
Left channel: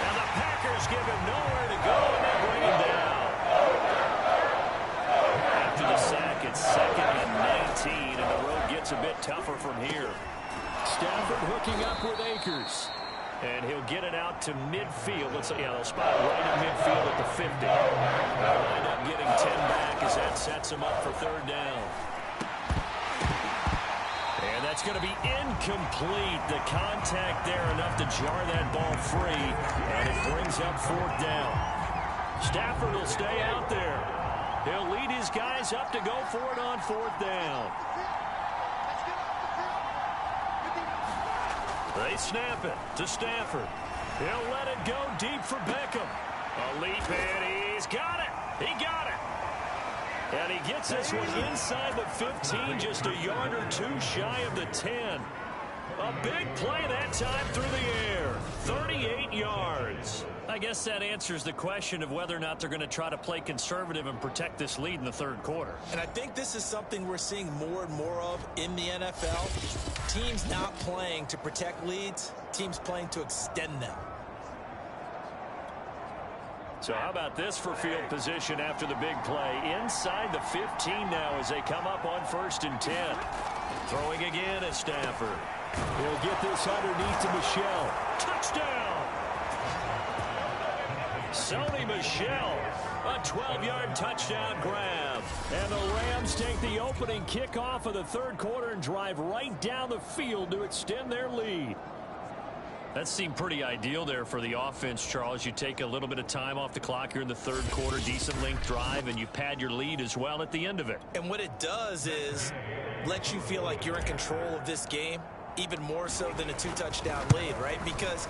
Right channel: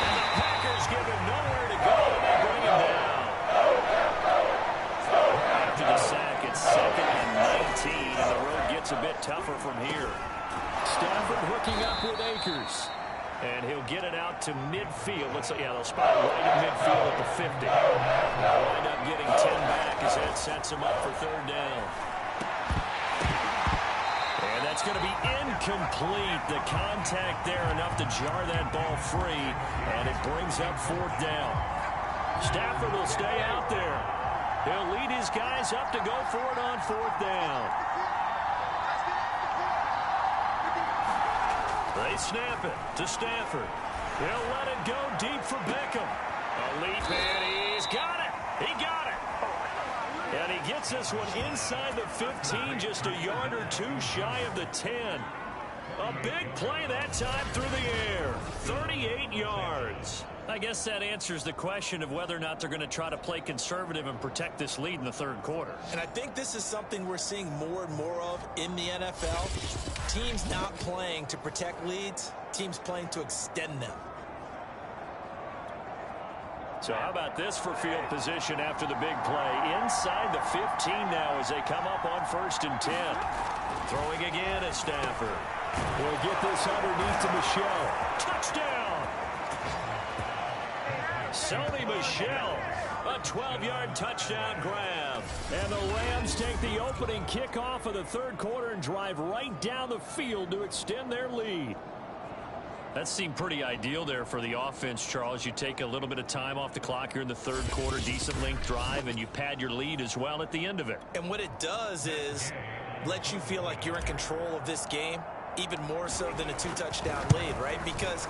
And the Packers give him nowhere to go, and they bring him down. After the sack, it's 2nd and 19, and the road gets a bit tougher from here. Stafford hooking up with Akers. And he'll get it out to midfield. They'll spot it right at midfield at the 50. They'll wind up getting 10 back as that sets them up for third down. And that's going to be incomplete. The contact there enough to jar that ball free, and it brings up fourth down. Stafford will stay out there. He'll lead his guys up to go for it on fourth down. They snap it to Stafford. He'll let it go deep for Beckham. A leap, and he's got it. He got it. And he gets this one inside the 15, just a yard or two shy of the 10. A big play that time through the air. 38 yards. I guess that answers the question of whether or not they're going to try to play conservative and protect this lead in the third quarter. And I think this is something we're seeing more and more of in the NFL. Teams not playing to protect leads, teams playing to extend them. So how about this for field position after the big play? Inside the 15 now as they come up on 1st and 10. Throwing again at Stafford. He'll get this underneath to Michel. Touchdown! Sony Michel, a 12-yard touchdown grab. And the Rams take the opening kickoff of the third quarter and drive right down the field to extend their lead. That seemed pretty ideal there for the offense, Charles. You take a little bit of time off the clock here in the third quarter, decent length drive, and you pad your lead as well at the end of it. And what it does is let you feel like you're in control of this game, even more so than a 2-touchdown lead, right? Because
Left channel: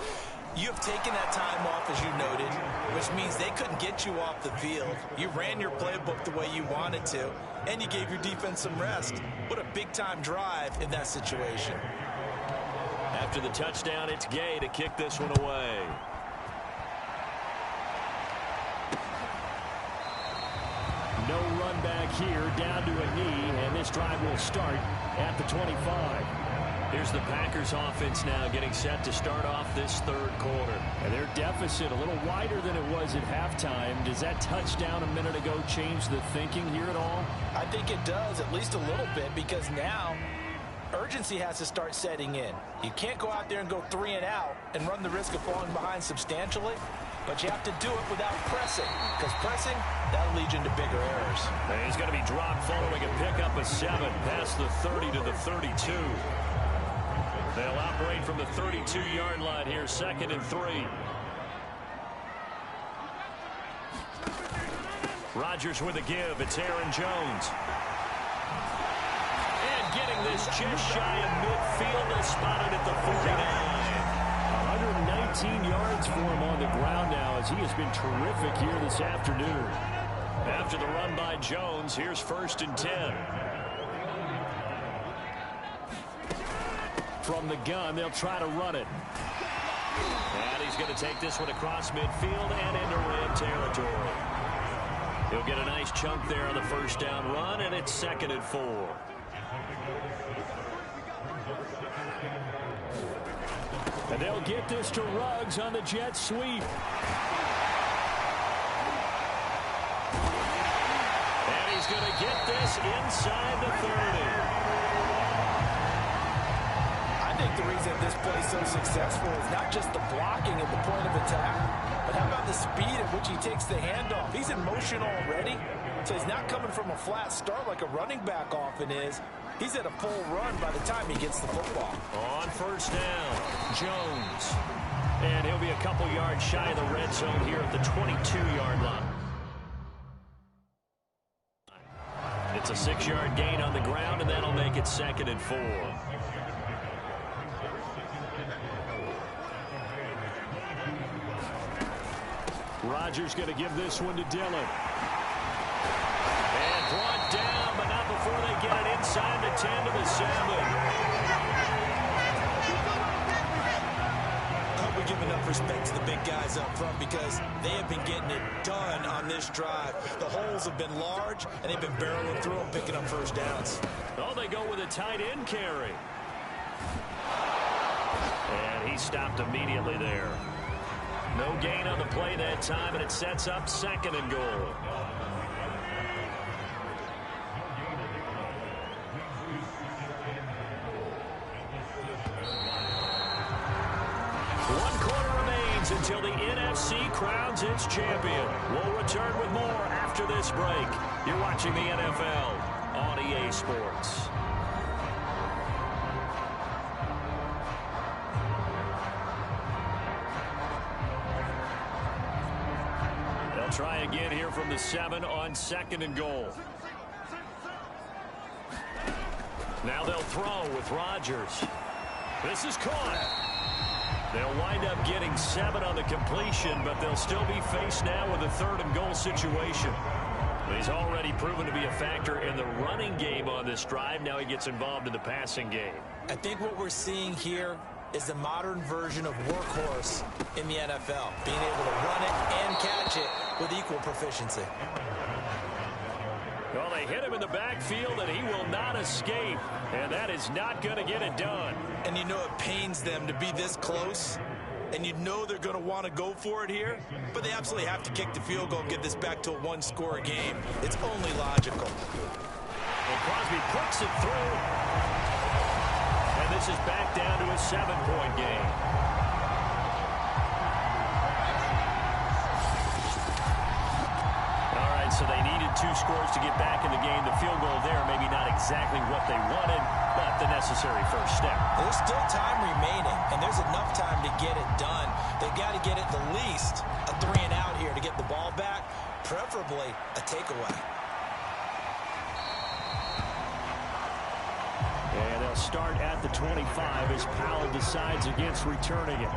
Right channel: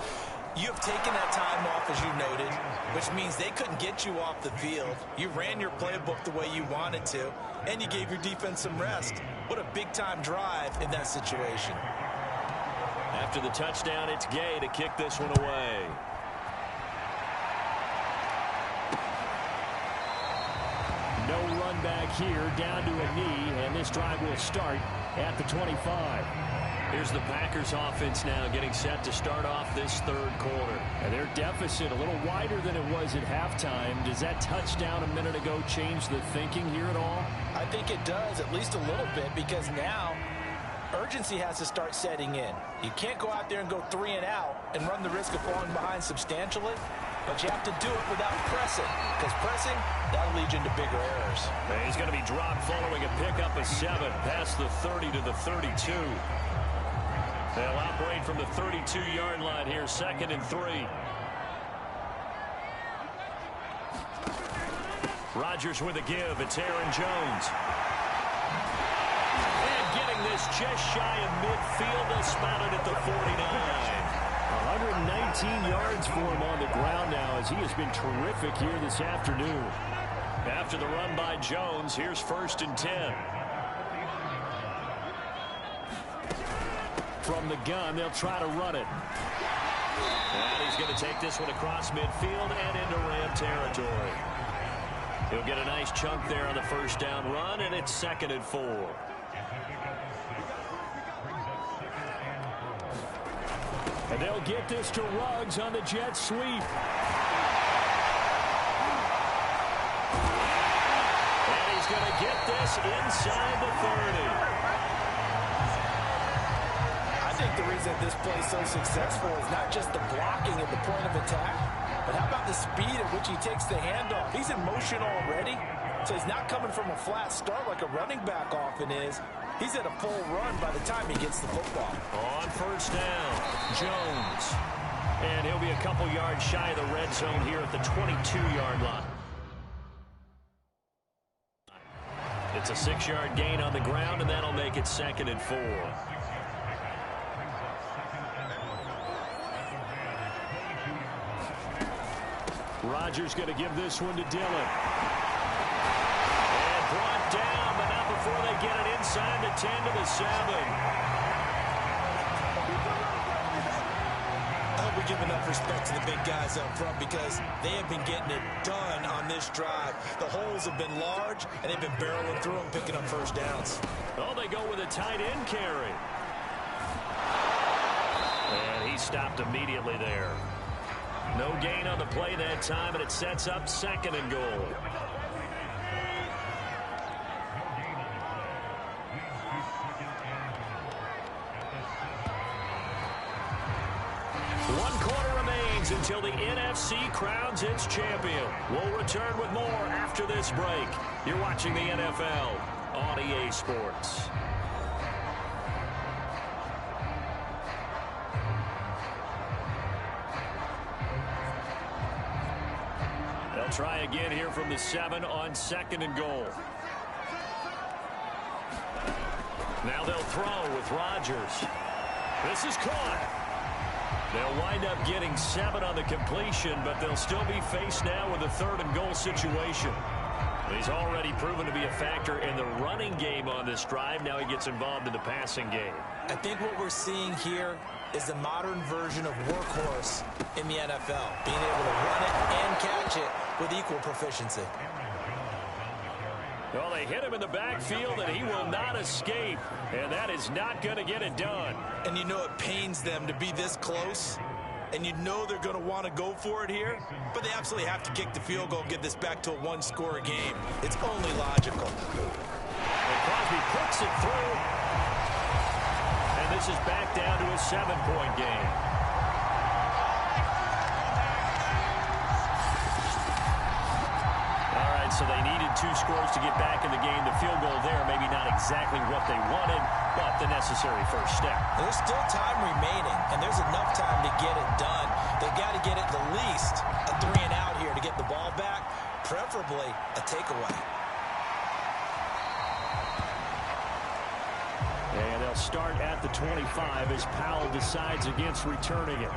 you have taken that time off, as you noted, which means they couldn't get you off the field. You ran your playbook the way you wanted to, and you gave your defense some rest. What a big-time drive in that situation. After the touchdown, it's Gay to kick this one away. No run back here, down to a knee, and this drive will start at the 25. Here's the Packers offense now getting set to start off this third quarter. And their deficit a little wider than it was at halftime. Does that touchdown a minute ago change the thinking here at all? I think it does, at least a little bit, because now urgency has to start setting in. You can't go out there and go 3 and out and run the risk of falling behind substantially, but you have to do it without pressing, because pressing, that'll lead you into bigger errors. And he's going to be dropped following a pickup of 7 past the 30 to the 32. They'll operate from the 32-yard line here, 2nd and 3. Rodgers with a give. It's Aaron Jones. And getting this just shy of midfield. They'll spot it at the 49. 119 yards for him on the ground now as he has been terrific here this afternoon. After the run by Jones, here's 1st and 10. From the gun, they'll try to run it. And he's going to take this one across midfield and into Ram territory. He'll get a nice chunk there on the first down run, and it's 2nd and 4. And they'll get this to Ruggs on the jet sweep. And he's going to get this inside the 30. I think the reason this play is so successful is not just the blocking at the point of attack, but how about the speed at which he takes the handoff? He's in motion already, so he's not coming from a flat start like a running back often is. He's at a full run by the time he gets the football. On first down, Jones. And he'll be a couple yards shy of the red zone here at the 22-yard line. It's a 6-yard gain on the ground, and that'll make it 2nd and 4. Rodgers going to give this one to Dillon. And brought down, but not before they get it inside the 10 to the 7. I hope we give enough respect to the big guys up front because they have been getting it done on this drive. The holes have been large, and they've been barreling through them, picking up first downs. Oh, they go with a tight end carry. And he stopped immediately there. No gain on the play that time, and it sets up 2nd and goal. 1 quarter remains until the NFC crowns its champion. We'll return with more after this break. You're watching the NFL on EA Sports. They'll try again here from the 7 on 2nd and goal. Now they'll throw with Rodgers. This is caught. They'll wind up getting 7 on the completion, but they'll still be faced now with a 3rd and goal situation. He's already proven to be a factor in the running game on this drive. Now he gets involved in the passing game. I think what we're seeing here is the modern version of workhorse in the NFL, being able to run it and catch it with equal proficiency. Well, they hit him in the backfield, and he will not escape, and that is not going to get it done. And you know it pains them to be this close, and you know they're going to want to go for it here, but they absolutely have to kick the field goal and get this back to a 1-score game. It's only logical. And Crosby puts it through, and this is back down to a 7-point game. All right, so they needed 2 scores to get back in the game. The field goal there, maybe not exactly what they wanted, but the necessary first step. There's still time remaining, and there's enough time to get it done. They've got to get at the least a 3-and-out here to get the ball back, preferably a takeaway. And they'll start at the 25 as Powell decides against returning it.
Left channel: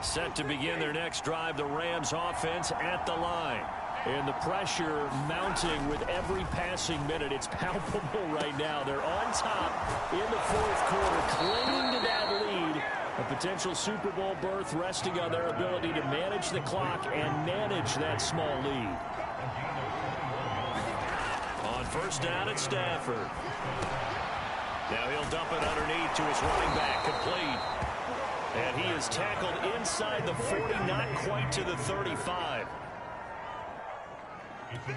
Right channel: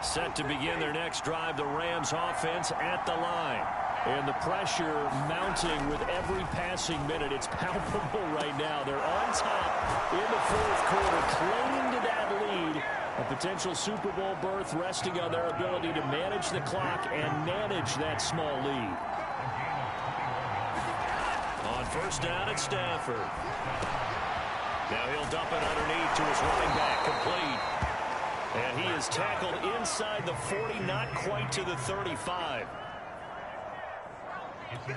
Set to begin their next drive, the Rams offense at the line. And the pressure mounting with every passing minute. It's palpable right now. They're on top in the 4th quarter, clinging to that lead. A potential Super Bowl berth resting on their ability to manage the clock and manage that small lead. On first down, it's Stafford. Now he'll dump it underneath to his running back, complete. And he is tackled inside the 40, not quite to the 35.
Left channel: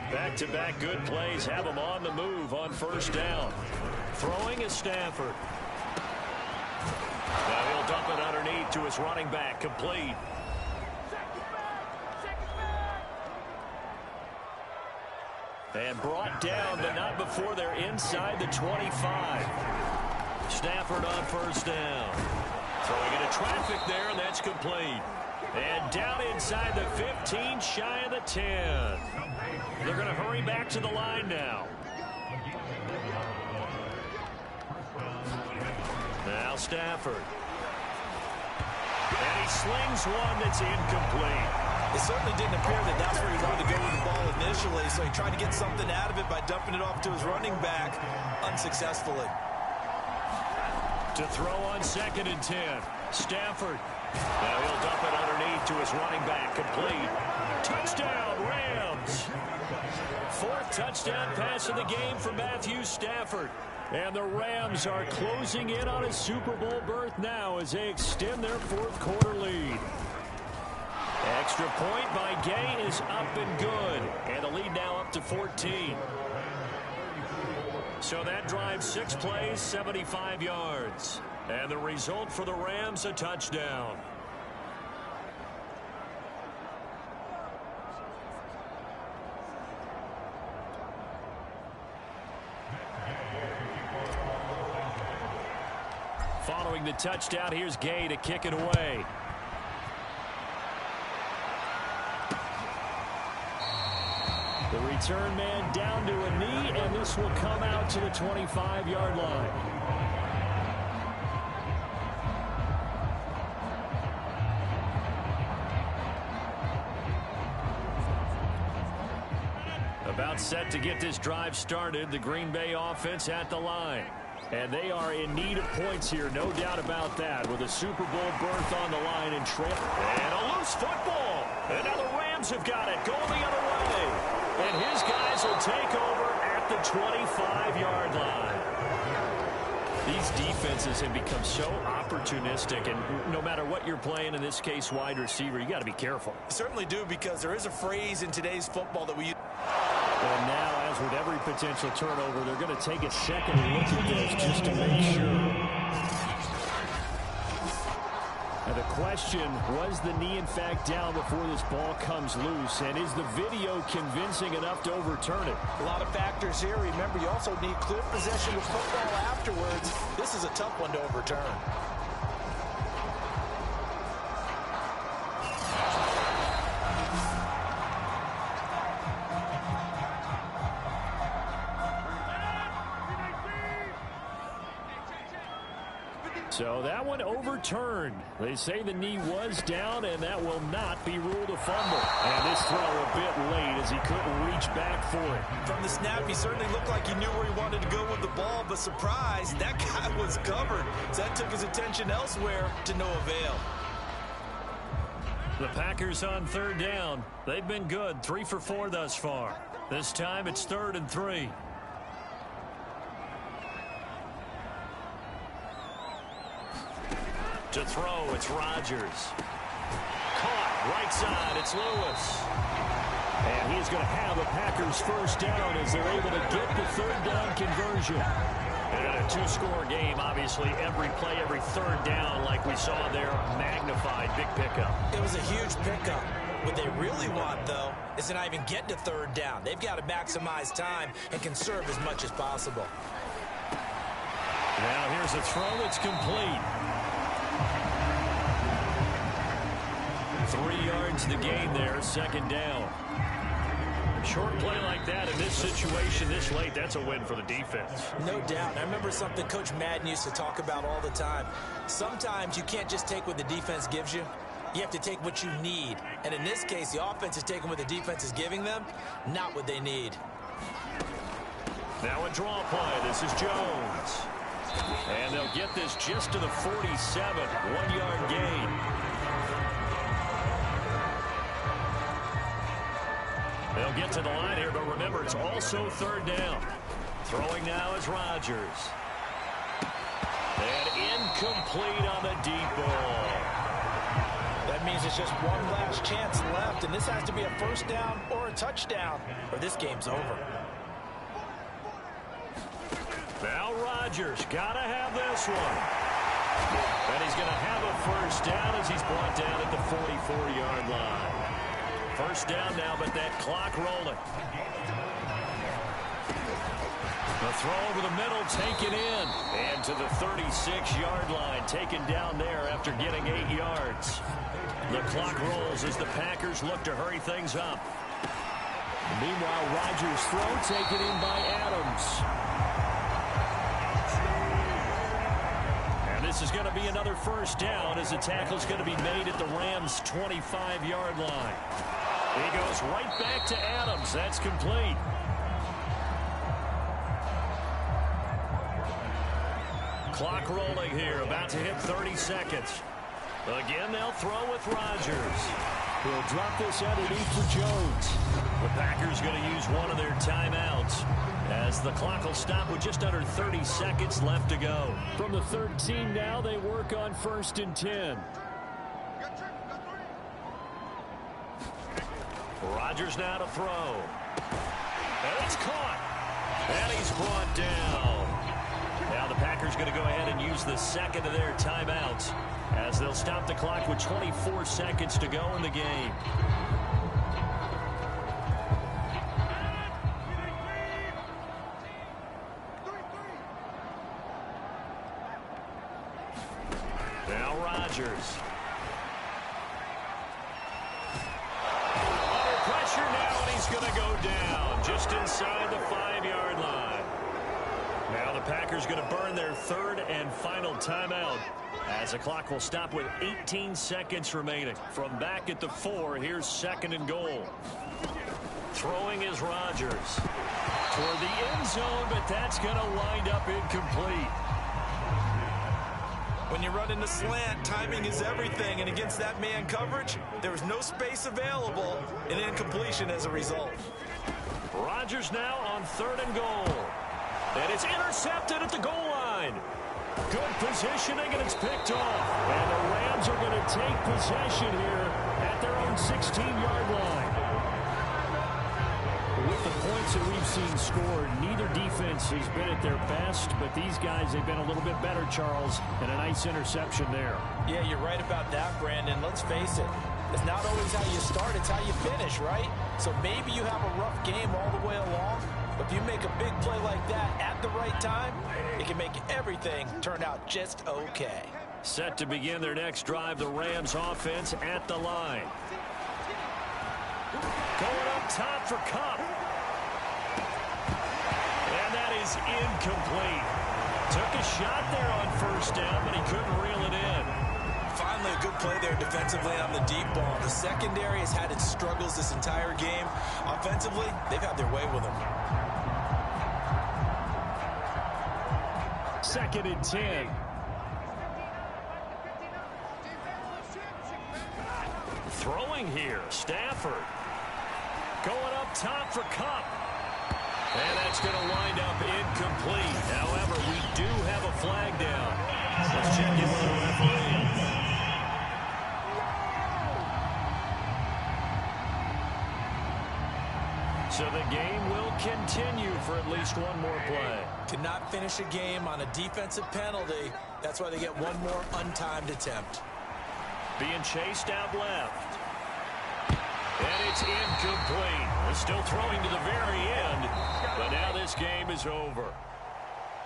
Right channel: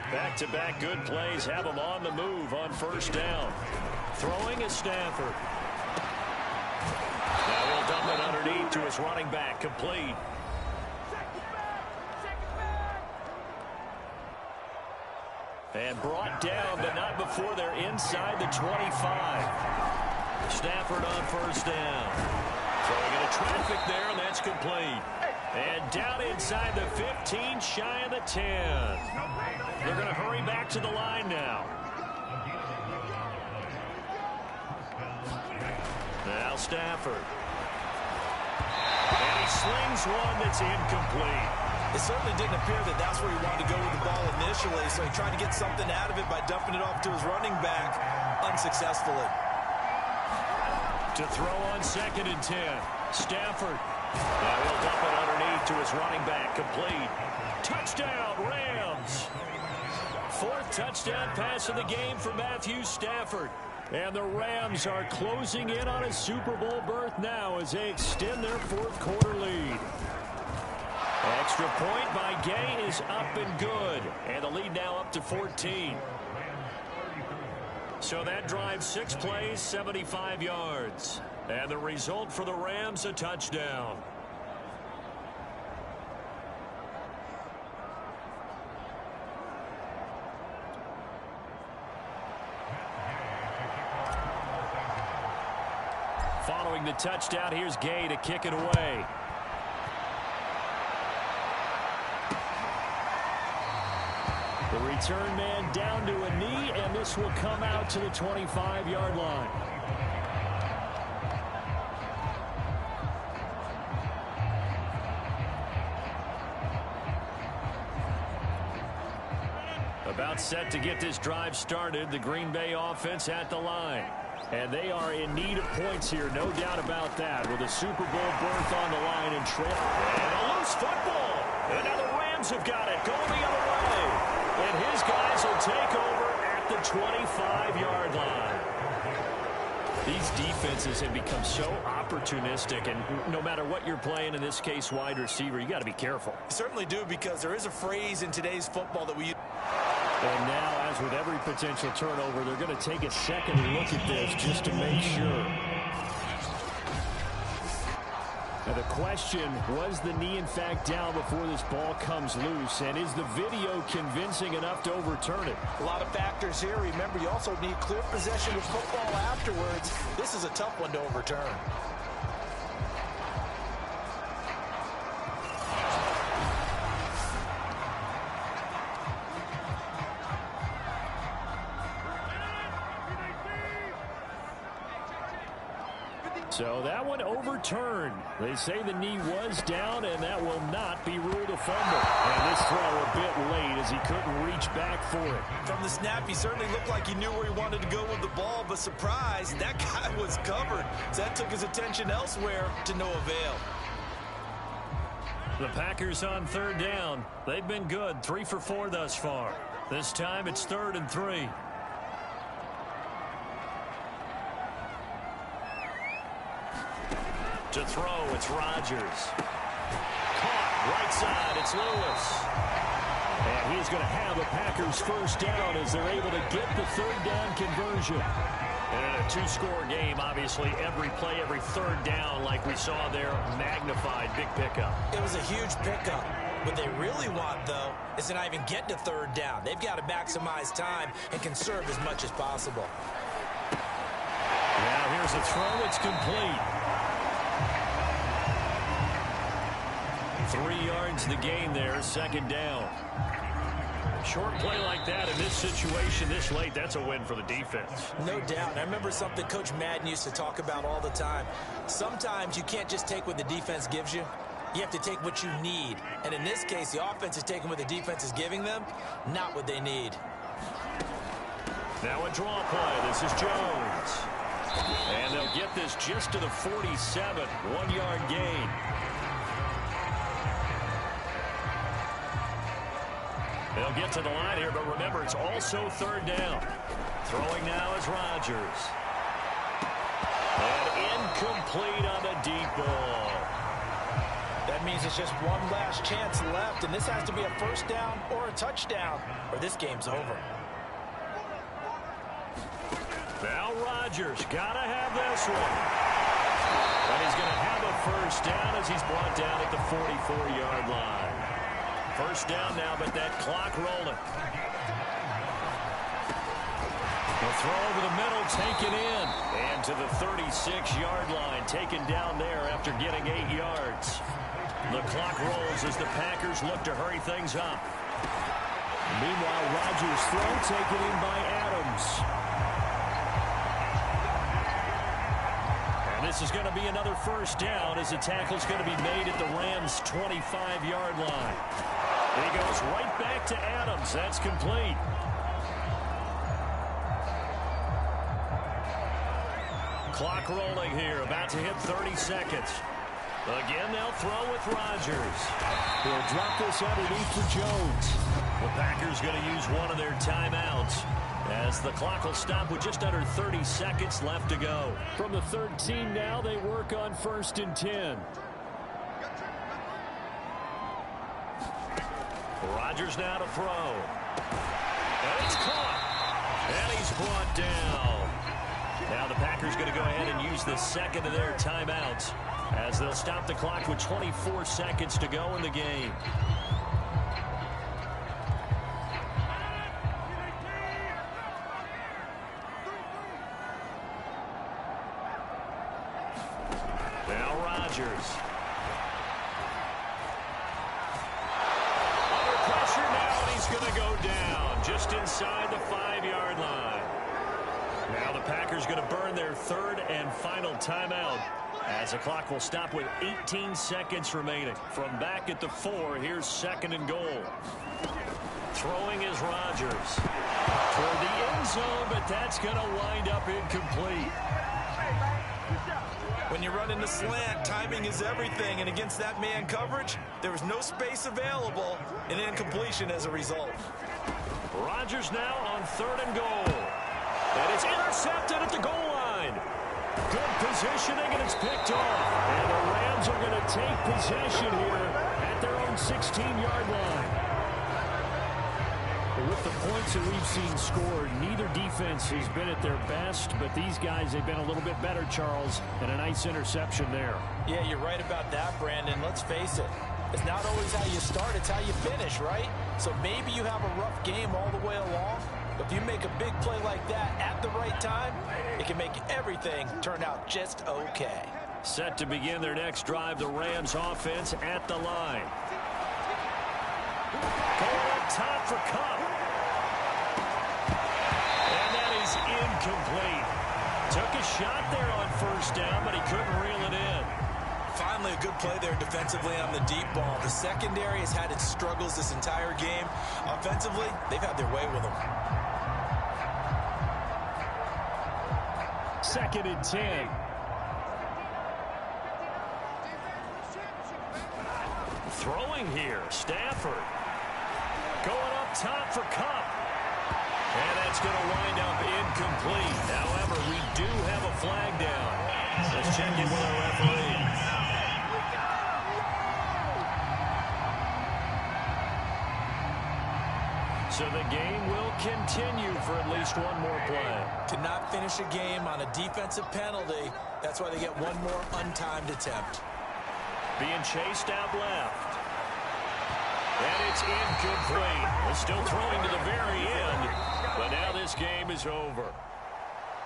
Back-to-back good plays have him on the move on first down. Throwing is Stafford. Now he'll dump it underneath to his running back, complete. And brought down, but not before they're inside the 25. Stafford on first down. Throwing into traffic there, and that's complete. And down inside the 15, shy of the 10. They're going to hurry back to the line now. Now Stafford. And he slings one that's incomplete. It certainly didn't appear that that's where he wanted to go with the ball initially, so he tried to get something out of it by dumping it off to his running back unsuccessfully. To throw on 2nd and 10. Stafford. Now he'll dump it underneath to his running back. Complete. Touchdown, Rams. 4th touchdown pass of the game for Matthew Stafford. And the Rams are closing in on a Super Bowl berth now as they extend their 4th quarter lead. Extra point by Gay is up and good. And the lead now up to 14. So that drive, 6 plays, 75 yards. And the result for the Rams, a touchdown. Following the touchdown, here's Gay to kick it away. The return man down to a knee, and this will come out to the 25-yard line. About set to get this drive started, the Green Bay offense at the line. And they are in need of points here, no doubt about that, with a Super Bowl berth on the line and trail. And a loose football. And now the Rams have got it, going the other way. And his guys will take over at the 25-yard line. These defenses have become so opportunistic, and no matter what you're playing, in this case wide receiver, you got to be careful. You certainly do, because there is a phrase in today's football that we use. And now, as with every potential turnover, they're going to take a second look at this just to make sure. Now the question, was the knee in fact down before this ball comes loose? And is the video convincing enough to overturn it? A lot of factors here. Remember, you also need clear possession of football afterwards. This is a tough one to overturn. So that one overturned. They say the knee was down, and that will not be ruled a fumble. And this throw a bit late as he couldn't reach back for it. From the snap, he certainly looked like he knew where he wanted to go with the ball, but surprise, that guy was covered. So that took his attention elsewhere to no avail. The Packers on third down. They've been good, 3 for 4 thus far. This time it's 3rd and 3. To throw, it's Rodgers. Caught, right side, it's Lewis. And he's going to have a Packers first down as they're able to get the third down conversion. And in a 2-score game, obviously, every play, every third down, like we saw there, magnified, big pickup. It was a huge pickup. What they really want, though, is to not even get to third down. They've got to maximize time and conserve as much as possible. Now here's a throw that's complete. 3 yards the gain there, 2nd down. Short play like that in this situation this late, that's a win for the defense. No doubt. I remember something Coach Madden used to talk about all the time. Sometimes you can't just take what the defense gives you. You have to take what you need. And in this case, the offense is taking what the defense is giving them, not what they need. Now a draw play. This is Jones. And they'll get this just to the 47, 1-yard gain. They'll get to the line here, but remember, it's also 3rd down. Throwing now is Rodgers. And incomplete on the deep ball. That means it's just one last chance left, and this has to be a first down or a touchdown, or this game's over. Now Rodgers, gotta have this one. And he's gonna have a first down as he's brought down at the 44-yard line. First down now, but that clock rolling. The throw over the middle, taken in. And to the 36-yard line, taken down there after getting 8 yards. The clock rolls as the Packers look to hurry things up. Meanwhile, Rodgers' throw taken in by Adams. And this is going to be another first down as the tackle's going to be made at the Rams' 25-yard line. He goes right back to Adams. That's complete. Clock rolling here, about to hit 30 seconds. Again, they'll throw with Rodgers. He'll drop this underneath for Jones. The Packers going to use one of their timeouts as the clock will stop with just under 30 seconds left to go. From the 13 now, they work on 1st and 10. Rodgers now to throw. And it's caught. And he's brought down. Now the Packers going to go ahead and use the second of their timeouts as they'll stop the clock with 24 seconds to go in the game. Now Rodgers. Under pressure now, and he's going to go down just inside the 5-yard line. Now the Packers going to burn their 3rd and final timeout as the clock will stop with 18 seconds remaining. From back at the 4, here's 2nd and goal. Throwing is Rodgers toward the end zone, but that's going to wind up incomplete. When you run in the slant, timing is everything, and against that man coverage, there was no space available, and incompletion as a result. Rodgers now on 3rd and goal. And it's intercepted at the goal line. Good positioning, and it's picked off. And the Rams are going to take possession here at their own 16-yard line. With the points that we've seen scored, neither defense has been at their best, but these guys, they've been a little bit better, Charles, and a nice interception there. Yeah, you're right about that, Brandon. Let's face it. It's not always how you start, it's how you finish, right? So maybe you have a rough game all the way along, but if you make a big play like that at the right time, it can make everything turn out just okay. Set to begin their next drive, the Rams offense at the line. Going up top for Kupp. And that is incomplete. Took a shot there on first down, but he couldn't reel it in. Finally, a good play there defensively on the deep ball. The secondary has had its struggles this entire game. Offensively, they've had their way with them. 2nd and 10. Throwing here, Stafford. Going up top for Kupp. And that's going to wind up incomplete. However, we do have a flag down. Let's check in with our referee. So the game will continue for at least one more play. Cannot finish a game on a defensive penalty. That's why they get one more untimed attempt. Being chased out left. And it's incomplete. They're still throwing to the very end. But now this game is over.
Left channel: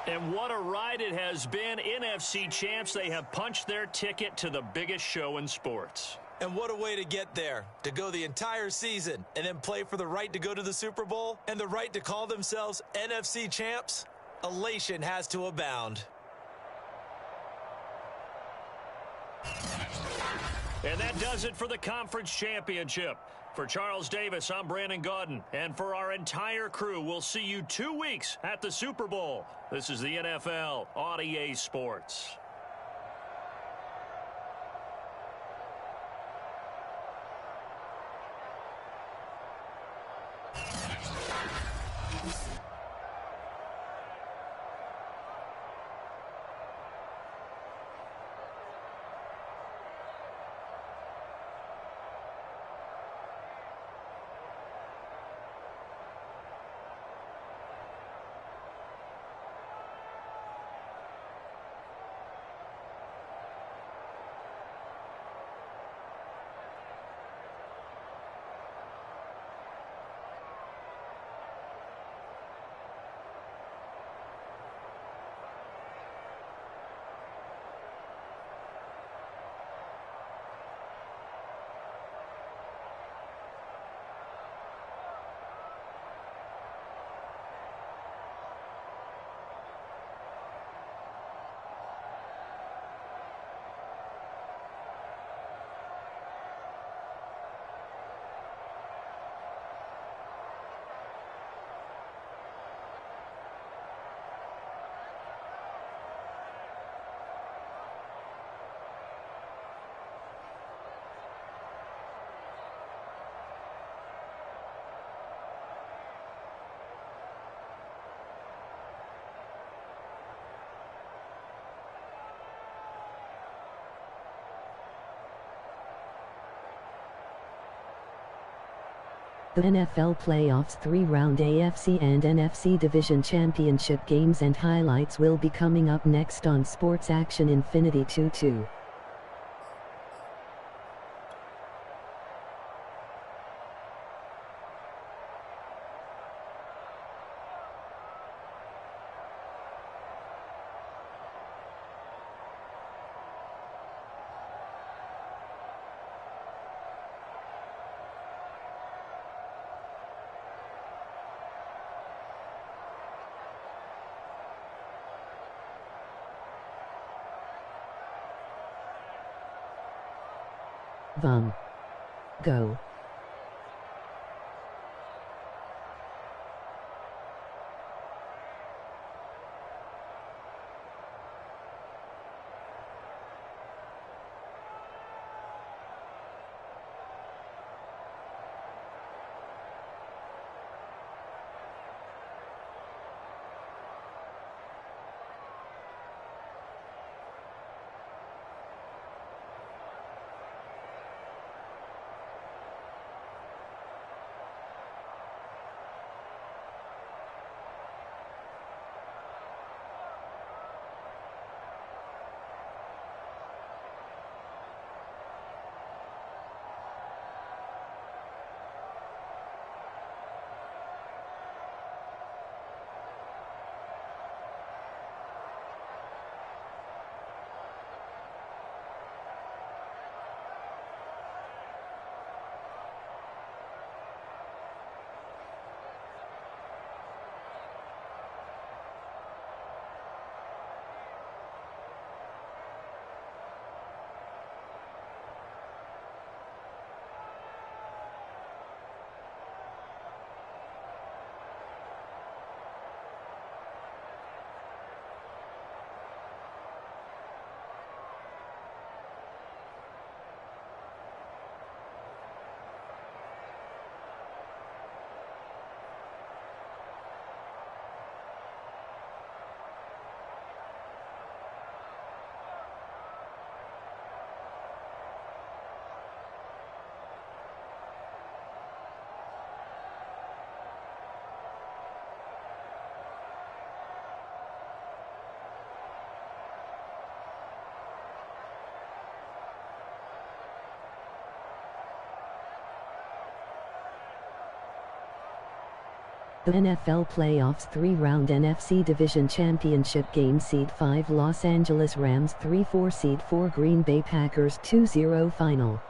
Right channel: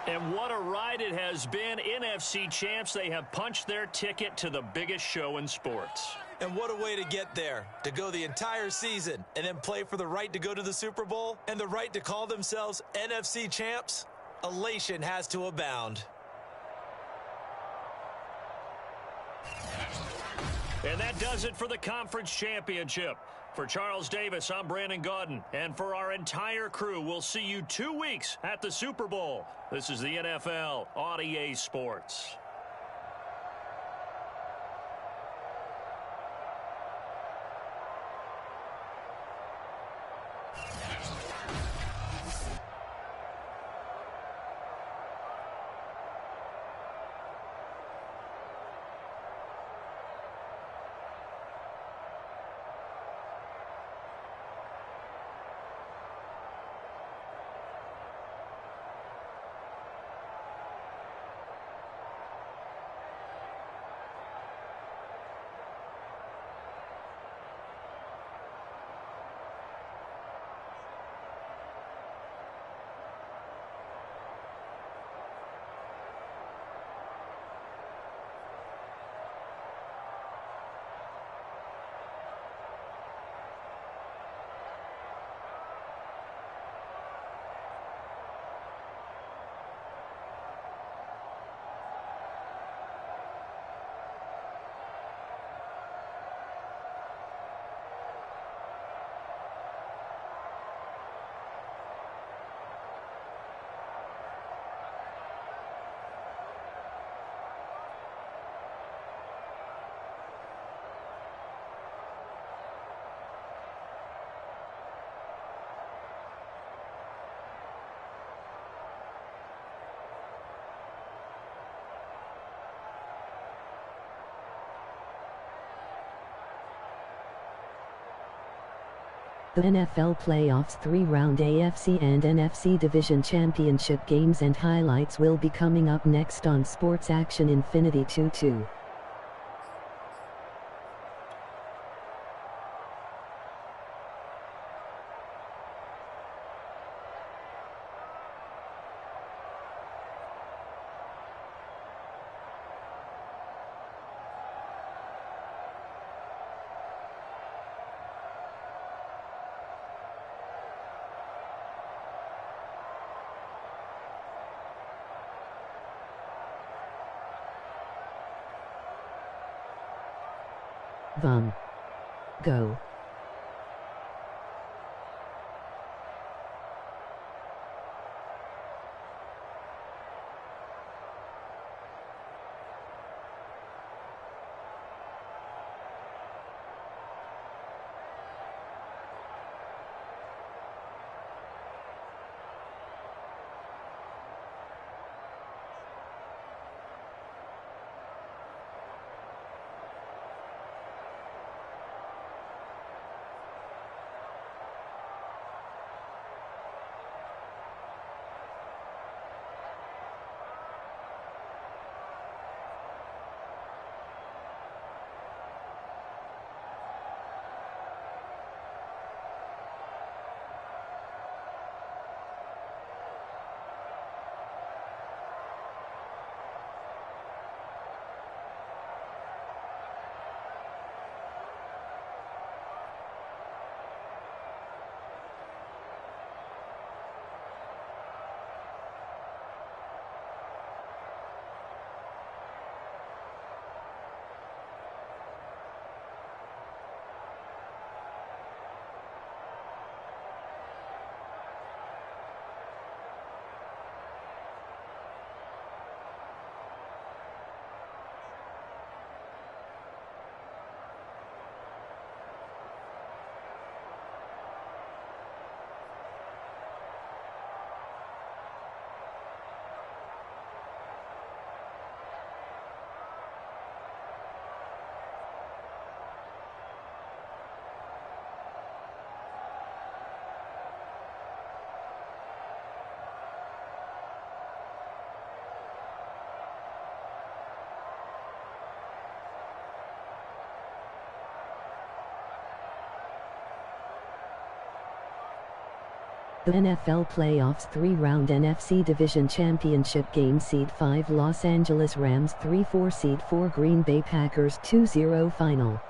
And what a ride it has been. NFC champs, they have punched their ticket to the biggest show in sports. And what a way to get there, to go the entire season and then play for the right to go to the Super Bowl and the right to call themselves NFC champs. Elation has to abound. And that does it for the conference championship. For Charles Davis, I'm Brandon Gaudin. And for our entire crew, we'll see you 2 weeks at the Super Bowl. This is the NFL on EA Sports. The NFL Playoffs 3-round AFC and NFC Division Championship games and highlights will be coming up next on Sports Action Infinity 2-2. Vum. Go. The NFL Playoffs 3-round NFC Division Championship game Seed 5 Los Angeles Rams 3-4 Seed 4 Green Bay Packers 2-0 final.